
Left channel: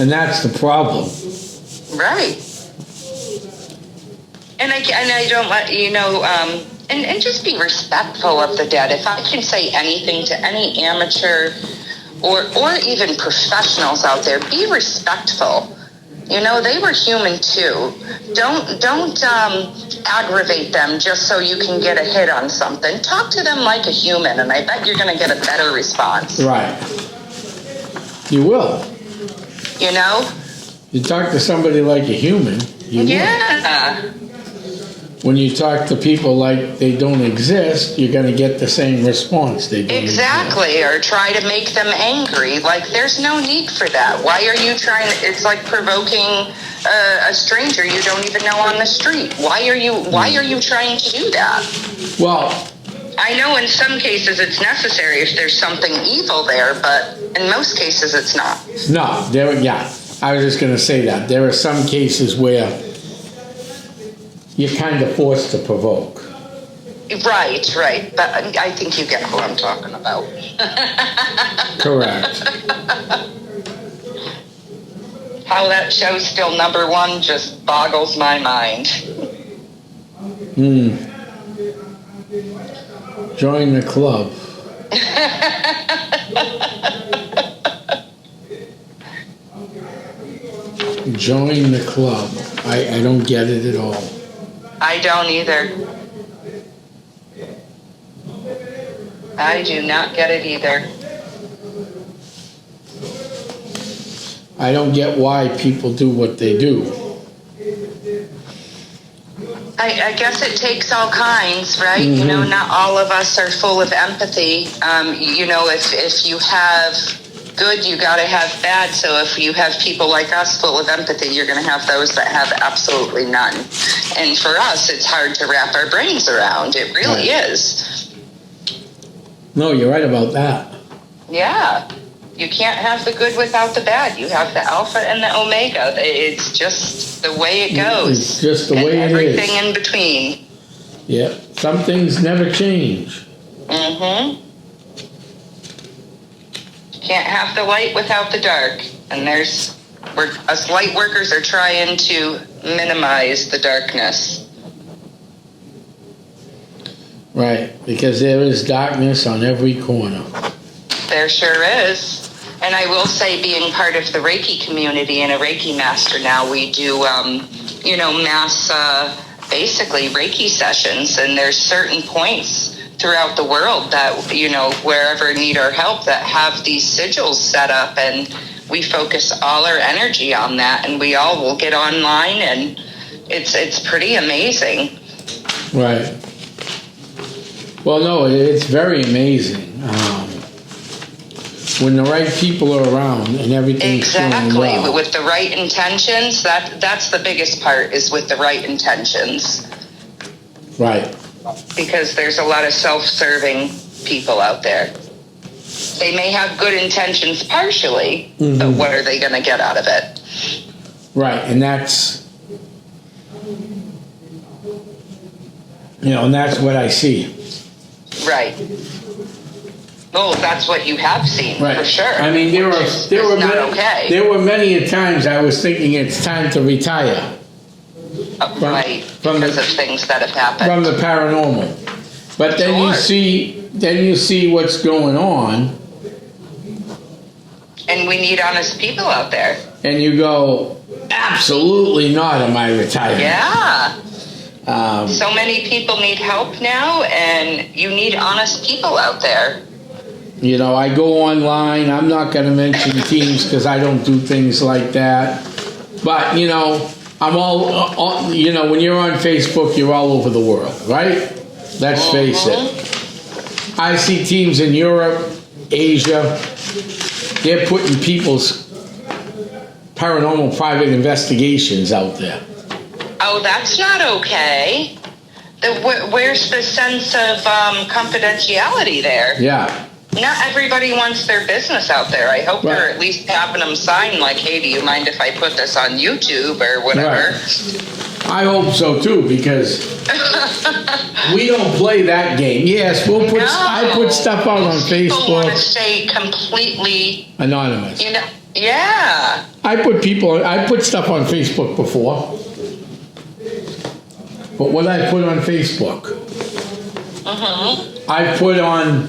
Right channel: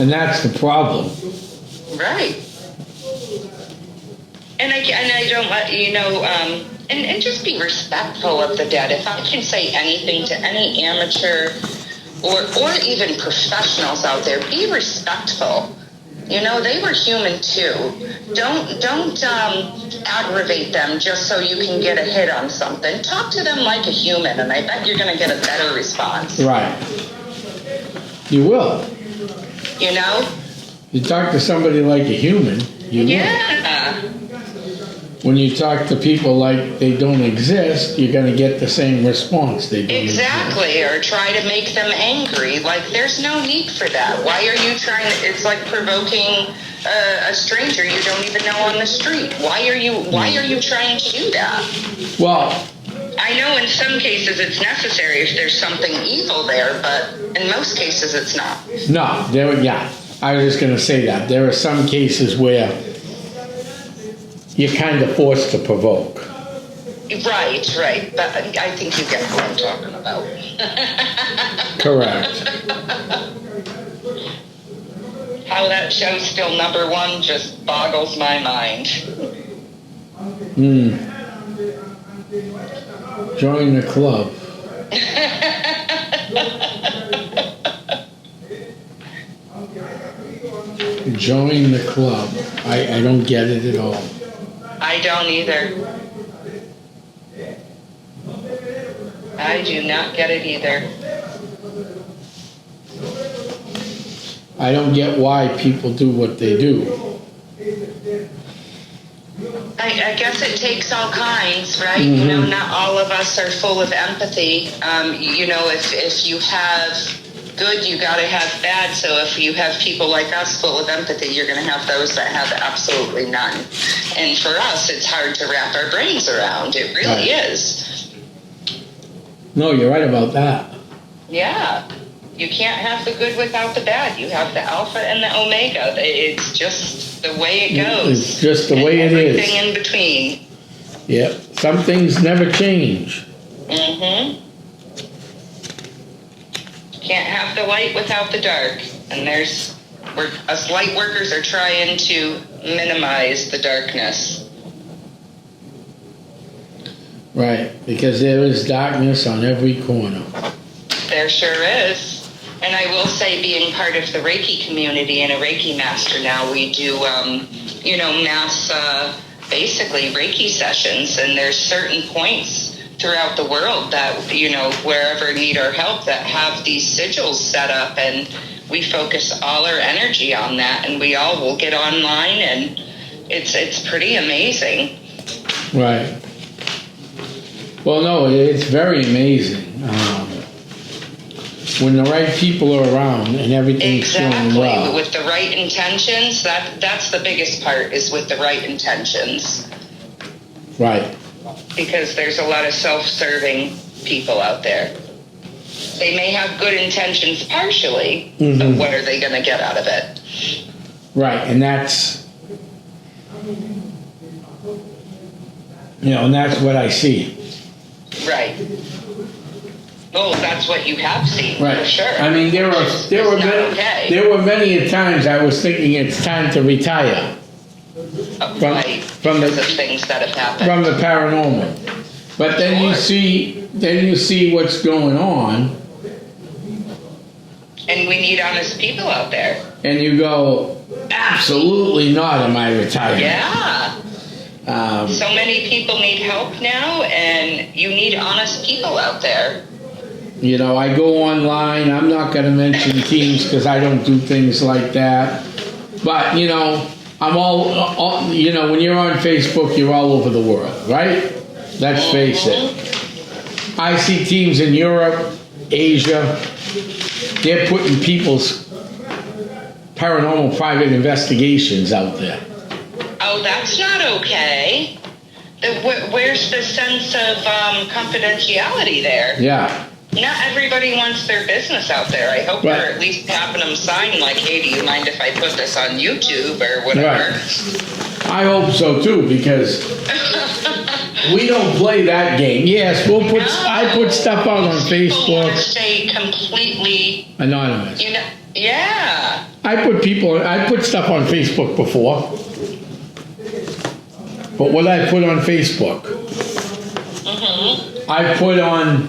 And that's the problem. Right. And I don't let you know, and just be respectful of the dead. If I can say anything to any amateur or even professionals out there, be respectful. You know, they were human too. Don't aggravate them just so you can get a hit on something. Talk to them like a human, and I bet you're going to get a better response. Right. You will. You know? You talk to somebody like a human, you Yeah. will. When you talk to people like they don't exist, you're going to get the same response. They don't Exactly, exist. or try to make them angry. Like, there's no need for that. Why are you trying to, it's like provoking a stranger you don't even know on the street. Why are you trying to do that? Well, I know in some cases it's necessary if there's something evil there, but in most cases it's not. no, I was just going to say that. There are some cases where you're kind of forced to provoke. Right. But I think you get what I'm talking about. Correct. How that show's still number one just boggles my mind. Join the club. Join the club. I don't get it at all. I don't either. I do not get it either. I don't get why people do what they do. I guess it takes all kinds, right? You know, not all of us are full of empathy. You know, if you have good, you got to have bad. So if you have people like us full of empathy, you're going to have those that have absolutely none. And for us, it's hard to wrap our brains around. It really is. No, you're right about that. Yeah. You can't have the good without the bad. You have the alpha and the omega. It's just the way it goes. It's just the way it is. Everything in between. Yep. Some things never change. Mm-hmm. Can't have the light without the dark. And us light workers are trying to minimize the darkness. Right. Because there is darkness on every corner. There sure is. And I will say, being part of the Reiki community and a Reiki master now, we do, mass, basically Reiki sessions. And there's certain points throughout the world that, wherever need our help, that have these sigils set up. And we focus all our energy on that. And we all will get online, and it's pretty amazing. Right. Well, no, it's very amazing. When the right people are around and everything's going well. Exactly, with the right intentions, that's the biggest part, is with the right intentions. Right. Because there's a lot of self-serving people out there. They may have good intentions partially, but what are they going to get out of it? Right, and that's, and that's what I see. Right. Well, that's what you have seen, right. For sure. I mean, there were many times I was thinking it's time to retire. From because of things that have happened. From the paranormal. But then you see what's going on. And we need honest people out there. And you go, absolutely not am I retiring. Yeah. So many people need help now, and you need honest people out there. I go online. I'm not going to mention teams because I don't do things like that. But, I'm all, when you're on Facebook, you're all over the world, right? Let's face it. I see teams in Europe, Asia, they're putting people's paranormal private investigations out there. Oh, that's not okay. Where's the sense of confidentiality there? Yeah. Not everybody wants their business out there. I hope Right. they're at least having them sign like, hey, do you mind if I put this on YouTube or whatever? Right. I hope so too, because we don't play that game. Yes, we'll put. No. I put stuff out on People want to Facebook. stay completely, Anonymous. you know, yeah. I put stuff on Facebook before. But what I put on Facebook, I put on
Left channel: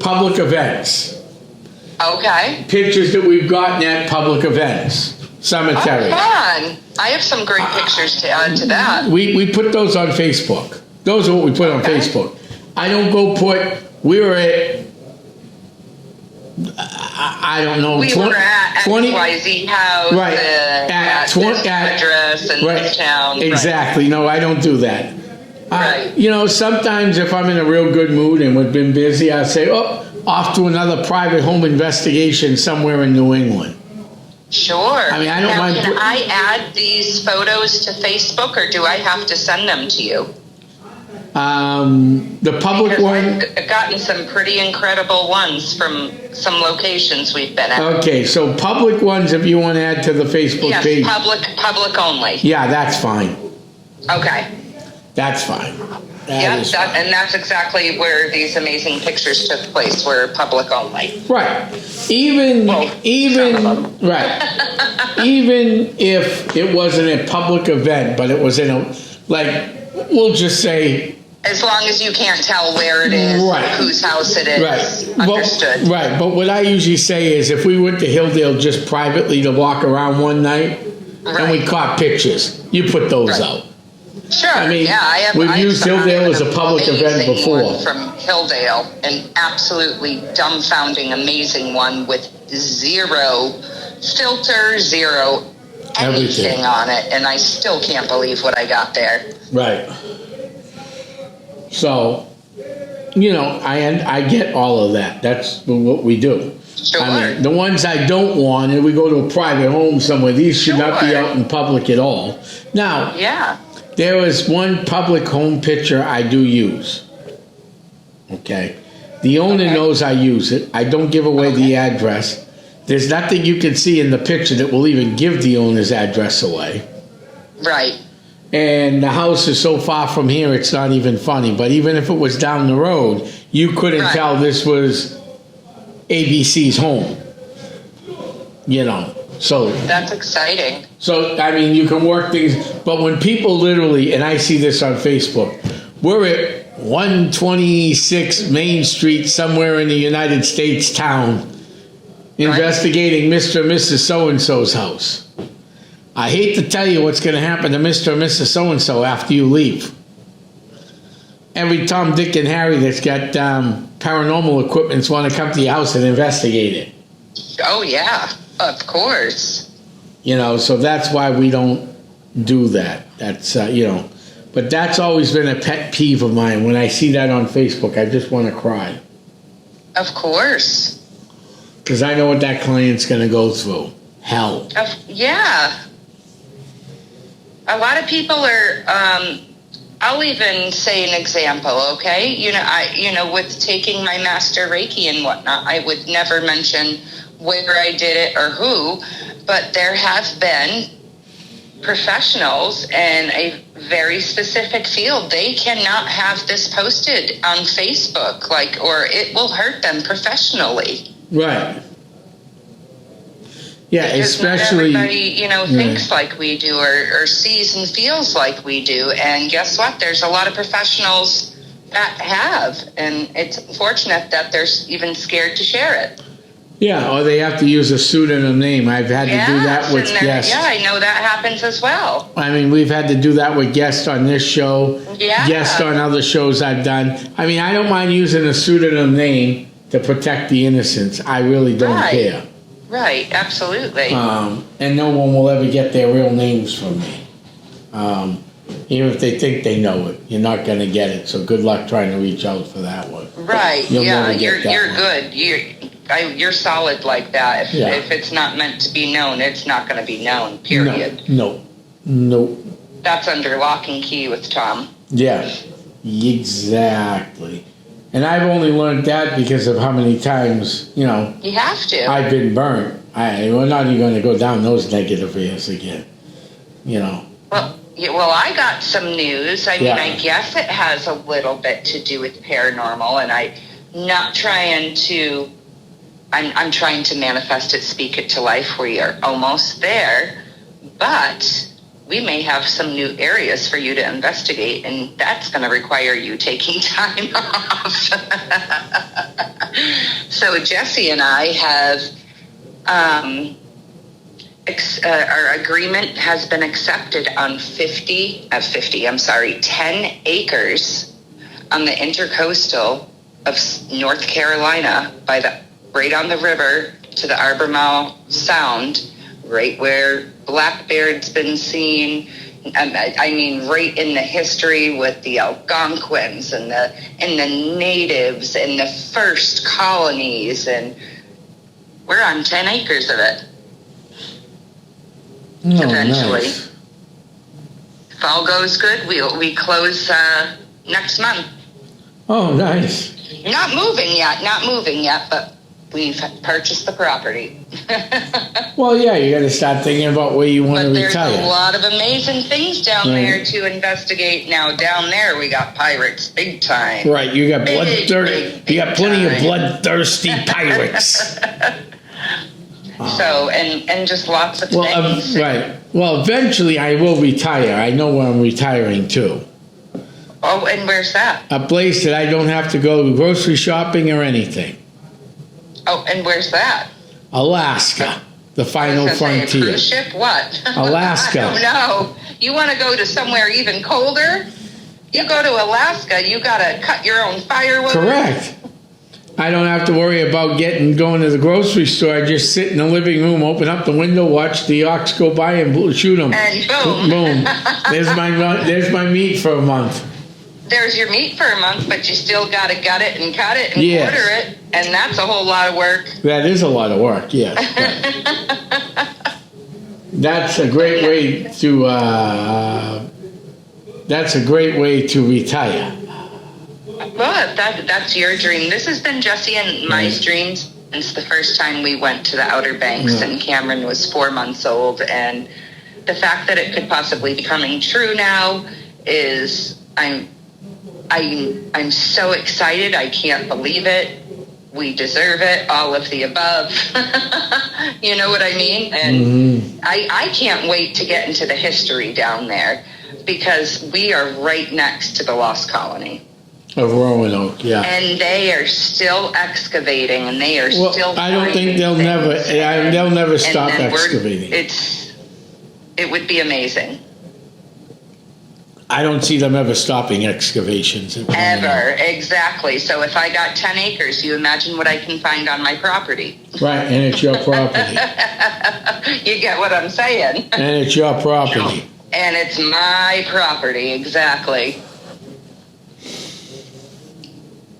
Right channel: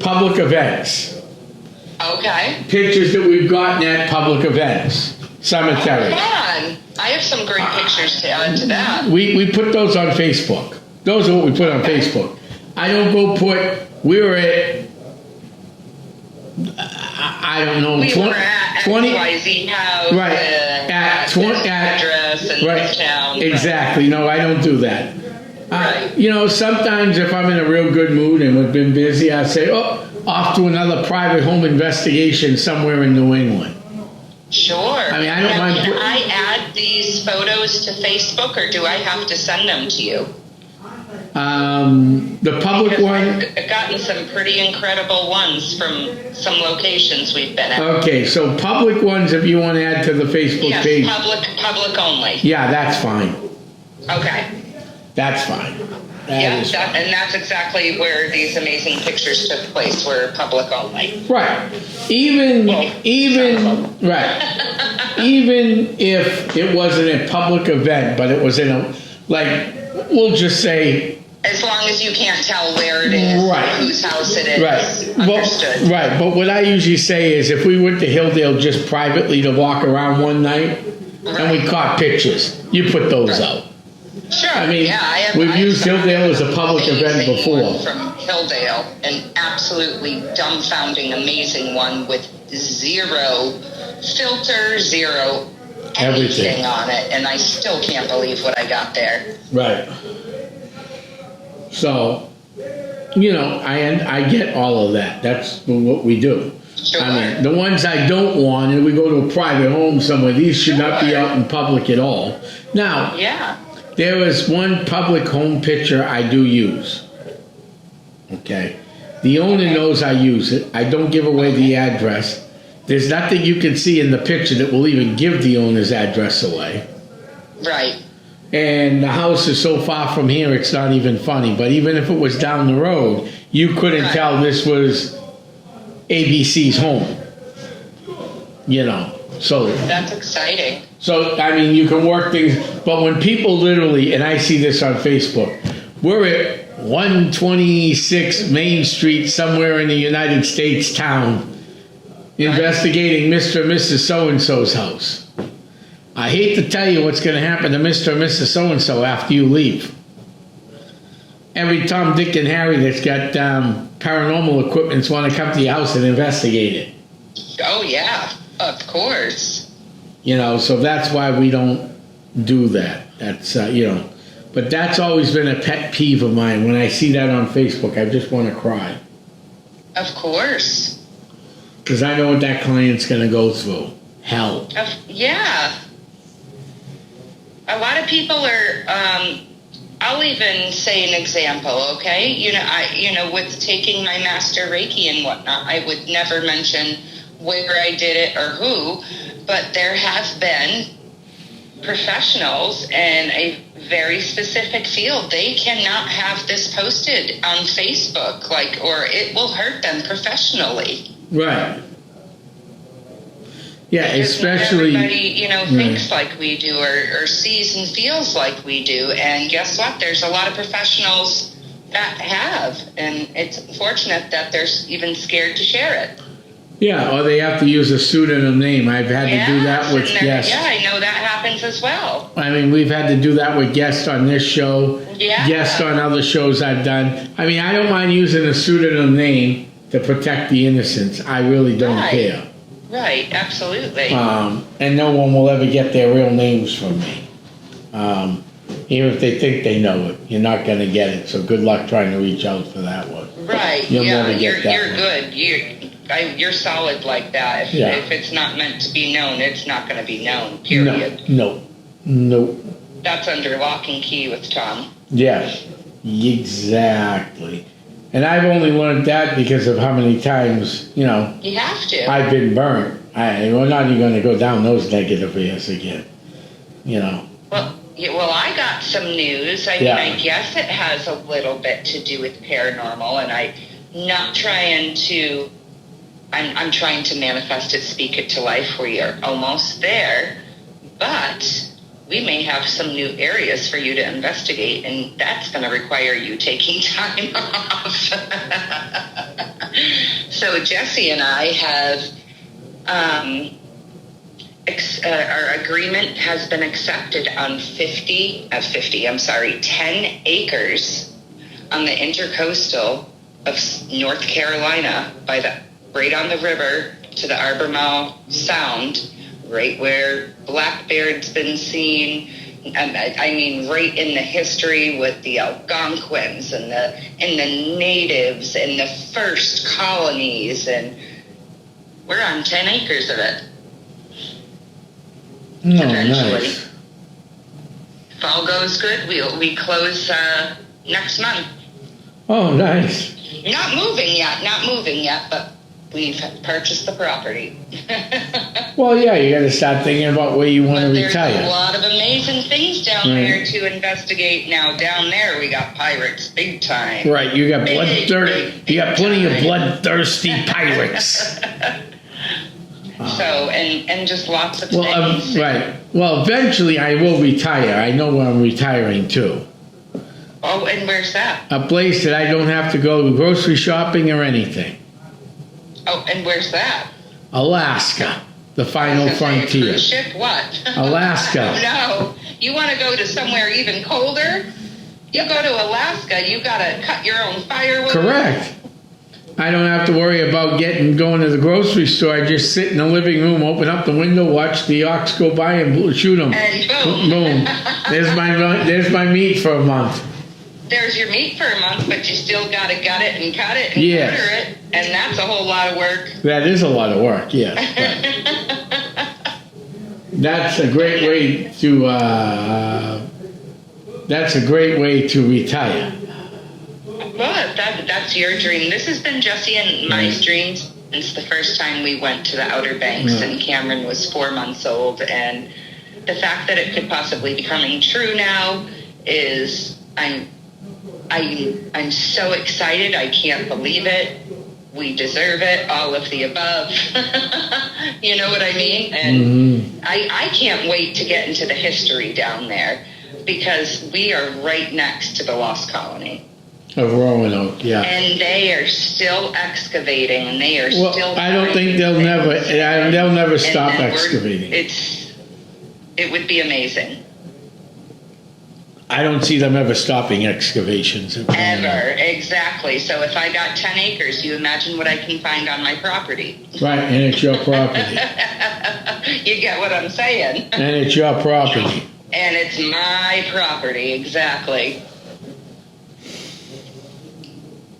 public events. Okay. Pictures that we've gotten at public events. Cemetery. Oh, fun. I have some great pictures to add to that. We put those on Facebook. Those are what we put on Facebook. I don't go put, we were at, I don't know, We were at 20 XYZ house right, and at this 20 address and right, this town. exactly. No, I don't do that. Right. You know, sometimes if I'm in a real good mood and we've been busy, I'll say, oh, off to another private home investigation somewhere in New England. Sure. I mean, I don't now, mind can put- I add these photos to Facebook, or do I have to send them to you? The public Because one. I've gotten some pretty incredible ones from some locations we've been at. Okay, so public ones, if you want to add to the Facebook Yes, page. public only. Yeah, that's fine. Okay. That's fine. Yeah, That is fine. and that's exactly where these amazing pictures took place, were public only. Right. Even right. Even if it wasn't a public event, but it was in a, like, we'll just say, As long as you can't tell where it is, Right. whose house it is. right. Understood. Right. But what I usually say is, if we went to Hilldale just privately to walk around one night, and we Right. caught pictures, you put those Right. out. Sure. I mean, yeah, we've I have used some Hilldale as a public event amazing before. one from Hilldale, an absolutely dumbfounding, amazing one with zero filter, zero Everything. anything on it, and I still can't believe what I got there. Right. So, you know, I get all of that. That's what we do. Sure. I mean, the ones I don't want, and we go to a private home somewhere, these should not be Sure. out in public at all. Now, Yeah. there is one public home picture I do use. Okay. The owner knows I use it. I don't give away the address. There's nothing you can see in the picture that will even give the owner's address away. Right. And the house is so far from here, it's not even funny. But even if it was down the road, you couldn't Right. tell this was ABC's home. You know, so That's exciting. I mean, you can work things. But when people literally, and I see this on Facebook, we're at 126 Main Street somewhere in the United States town, investigating Mr. and Mrs. So-and-so's house. I hate to tell you what's going to happen to Mr. and Mrs. So-and-so after you leave. Every Tom, Dick, and Harry that's got paranormal equipment want to come to your house and investigate it. Oh, yeah. Of course. You know, so that's why we don't do that. That's, you know, but that's always been a pet peeve of mine. When I see that on Facebook, I just want to cry. Of course. Because I know what that client's going to go through. Hell. Yeah. A lot of people are, I'll even say an example, okay? You know, with taking my master Reiki and whatnot, I would never mention where I did it or who, but there have been professionals in a very specific field. They cannot have this posted on Facebook, or it will hurt them professionally. Right. Yeah, Because especially. not everybody, thinks like we do or sees and feels like we do. And guess what? There's a lot of professionals that have, and it's unfortunate that they're even scared to share it. Yeah, or they have to use a pseudonym name. I've had to do that with guests. Yeah, I know that happens as well. I mean, we've had to do that with guests on this show, Yeah. guests on other shows I've done. I mean, I don't mind using a pseudonym name to protect the innocents. I really don't Right. care. Right, absolutely. And no one will ever get their real names from me. Even if they think they know it, you're not going to get it. So good luck trying to reach out for that one. Right, You'll yeah, never get that you're one. good. You're solid like that. Yeah. If it's not meant to be known, it's not going to be known, period. No. That's under lock and key with Tom. Yes, exactly. And I've only learned that because of how many times, You have to. I've been burnt. We're not even going to go down those negative areas again. Well, I got some news. I mean, I guess it has a little bit to do with paranormal, and I'm trying to manifest it, speak it to life. We are almost there, but we may have some new areas for you to investigate, and that's going to require you taking time off. So Jesse and I have, our agreement has been accepted on 10 acres on the intercoastal of North Carolina right on the river to the Albemarle Sound, right where Blackbeard's been seen. I mean, right in the history with the Algonquins and the natives and the first colonies, and we're on 10 acres of it. Eventually. Nice. If all goes good, we close next month. Oh, nice. Not moving yet, but we've purchased the property. Well, yeah, you got to start thinking about where you want to retire. There's a lot of amazing things down there to investigate. Now, down there, we got pirates, big time. Right, you got bloodthirsty. You got plenty of bloodthirsty pirates. So, and just lots of things. Right. Well, eventually I will retire. I know where I'm retiring to. Oh, and where's that? A place that I don't have to go grocery shopping or anything. Oh, and where's that? Alaska, the final frontier. A cruise ship? What? Alaska. No. You want to go to somewhere even colder? You go to Alaska, you got to cut your own firewood. Correct. I don't have to worry about going to the grocery store. I just sit in the living room, open up the window, watch the ox go by, and shoot them. And boom. Boom. There's my meat for a month. There's your meat for a month, but you still got to gut it and cut it and quarter it, and that's a whole lot of work. That is a lot of work, yes. That's a great way to. That's a great way to retire. Well, that's your dream. This has been Jesse and my dreams since the first time we went to the Outer Banks, and Cameron was 4 months old, and the fact that it could possibly be coming true now is I'm so excited. I can't believe it. We deserve it. All of the above. You know what I mean? And I can't wait to get into the history down there, because we are right next to the Lost Colony. Of Roanoke, yeah. And they are still excavating, and they are still. I don't think they'll never stop excavating. It would be amazing. I don't see them ever stopping excavations. Ever, exactly. So if I got 10 acres, you imagine what I can find on my property. Right, and it's your property. You get what I'm saying. And it's your property. And it's my property, exactly.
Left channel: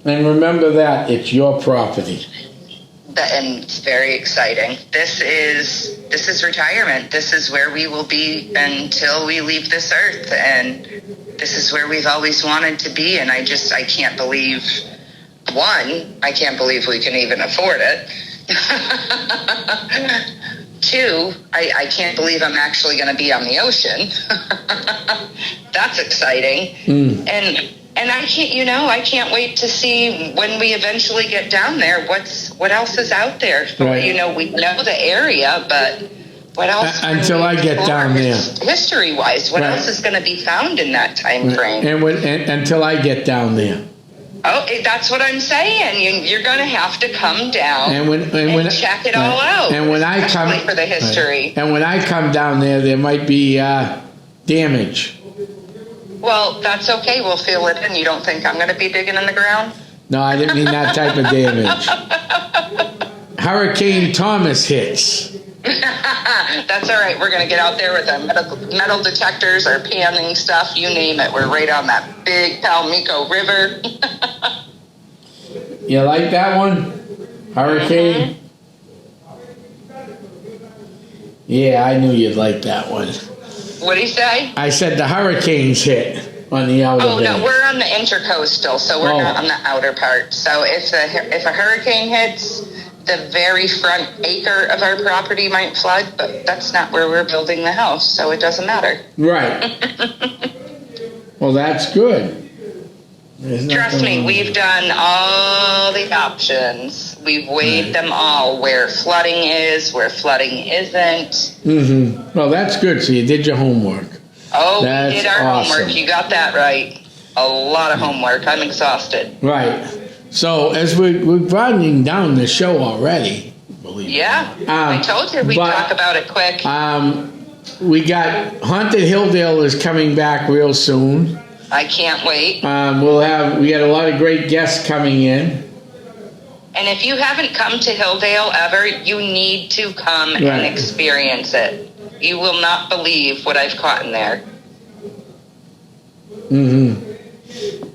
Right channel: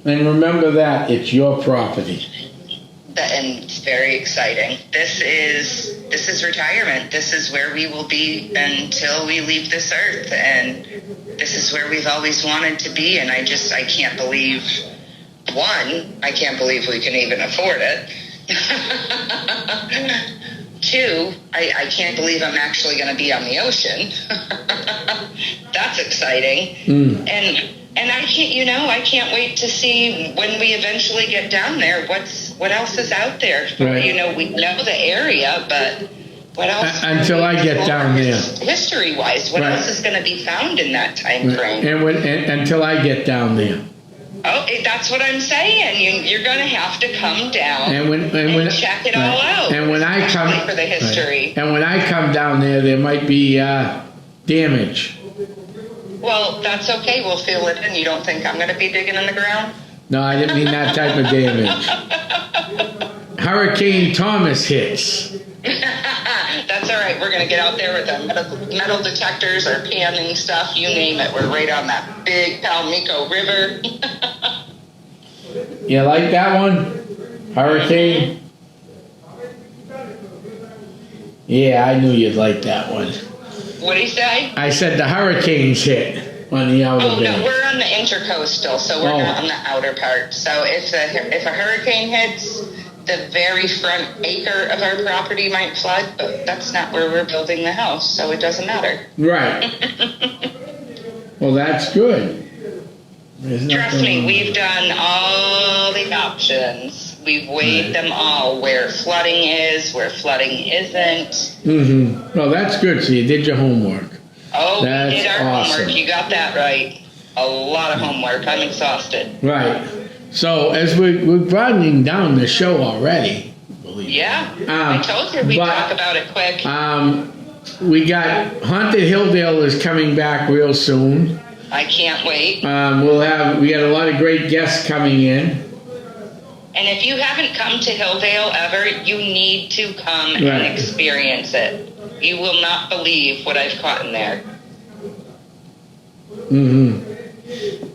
And remember that, it's your property. And it's very exciting. This is retirement. This is where we will be until we leave this earth, and this is where we've always wanted to be. And I can't believe, one, I can't believe we can even afford it. Two, I can't believe I'm actually going to be on the ocean. That's exciting. And I can't wait to see when we eventually get down there, what else is out there. Right. We know the area, but what else? Until I get down there. History-wise, what else is going to be found in that time frame? And until I get down there. Oh, that's what I'm saying. You're going to have to come down and check it all out. And when I come for the history. And when I come down there might be damage. Well, that's okay. We'll fill it in. You don't think I'm going to be digging in the ground? No, I didn't mean that type of damage. Hurricane Thomas hits. That's all right. We're going to get out there with our metal detectors, our panning stuff, you name it. We're right on that big Palmico River. You like that one? Hurricane? Yeah, I knew you'd like that one. What do you say? I said the hurricanes hit on the outer Oh, bay. no, we're on the intercoastal, so we're not on the outer part. So if a hurricane hits, the very front acre of our property might flood, but that's not where we're building the house, so it doesn't matter. Right. Well, that's good. Trust me, we've done all the options. We've weighed them all, where flooding is, where flooding isn't. Mm-hmm. Well, that's good. So you did your homework. Oh, That's we did our awesome. homework. You got that right. A lot of homework. I'm exhausted. Right. So as we're broadening down the show already, believe it. Yeah, I told you we'd talk about it quick. We got Haunted Hilldale is coming back real soon. I can't wait. We got a lot of great guests coming in. And if you haven't come to Hilldale ever, you need to come Right. and experience it. You will not believe what I've caught in there. Mm-hmm.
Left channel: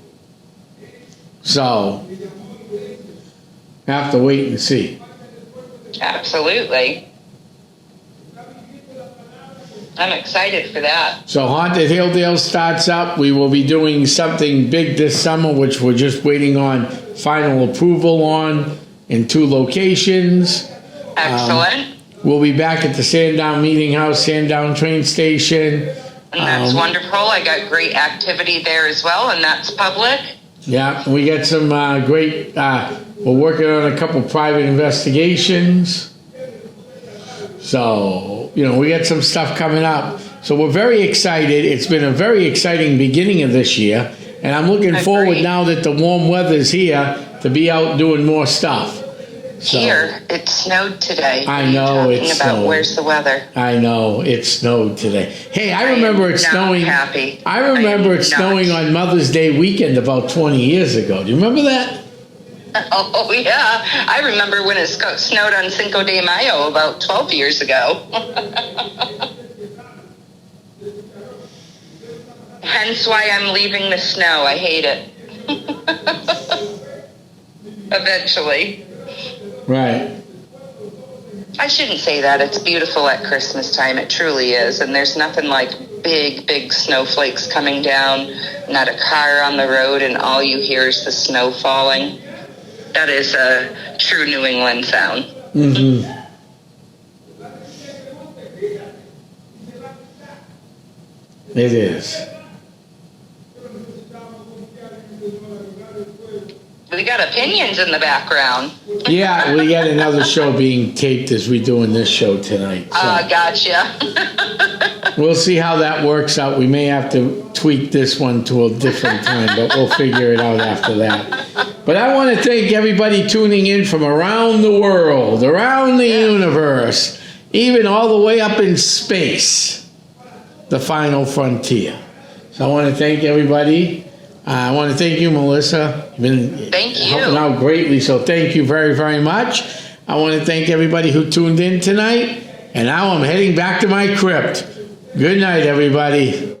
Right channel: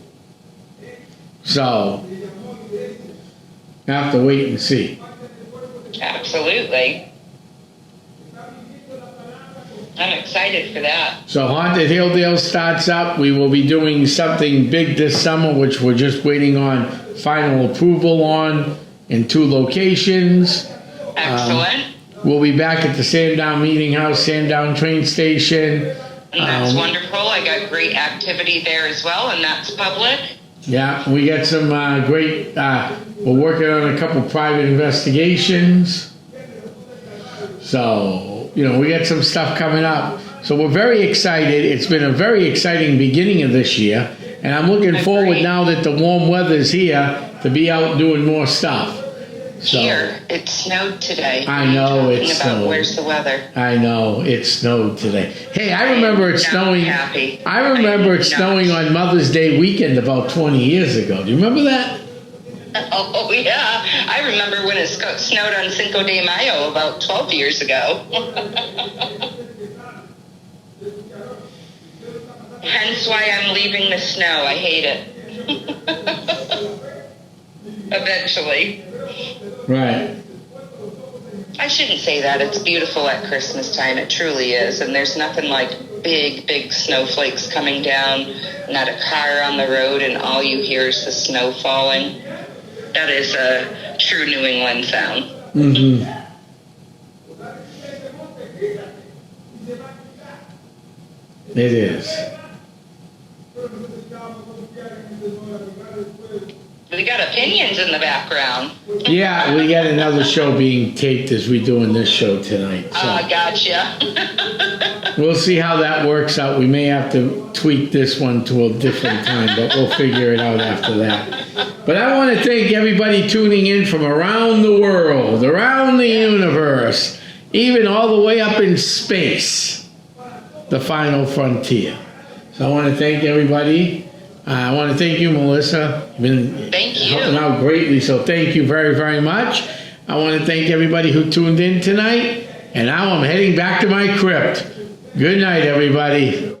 So, have to wait and see. Absolutely. I'm excited for that. So Haunted Hilldale starts up. We will be doing something big this summer, which we're just waiting on final approval on in 2 locations. Excellent. We'll be back at the Sandown Meeting House, Sandown Train Station. And that's wonderful. I got great activity there as well, and that's public. Yeah, we got some great, we're working on a couple private investigations. So, we got some stuff coming up. So we're very excited. It's been a very exciting beginning of this year. And I'm looking forward now that the warm weather's here to be out doing more stuff. So, Here, it snowed today. I know it snowed. Where's the weather? I know, it snowed today. Hey, I remember it snowing. Happy. I remember it snowing on Mother's Day weekend about 20 years ago. Do you remember that? Oh, yeah. I remember when it snowed on Cinco de Mayo about 12 years ago. Hence why I'm leaving the snow. I hate it. Eventually. Right. I shouldn't say that. It's beautiful at Christmas time. It truly is. And there's nothing like big, big snowflakes coming down, not a car on the road, and all you hear is the snow falling. That is a true New England sound. Mm-hmm. It is. We got opinions in the background. Yeah, we got another show being taped as we doing this show tonight. So. Gotcha. We'll see how that works out. We may have to tweak this one to a different time, but we'll figure it out after that. But I want to thank everybody tuning in from around the world, around the universe, even all the way up in space, the final frontier. So I want to thank everybody. I want to thank you, Melissa. Been helping out greatly, so thank you very, very much. I want to thank everybody who tuned in tonight, and now I'm heading back to my crypt. Good night, everybody.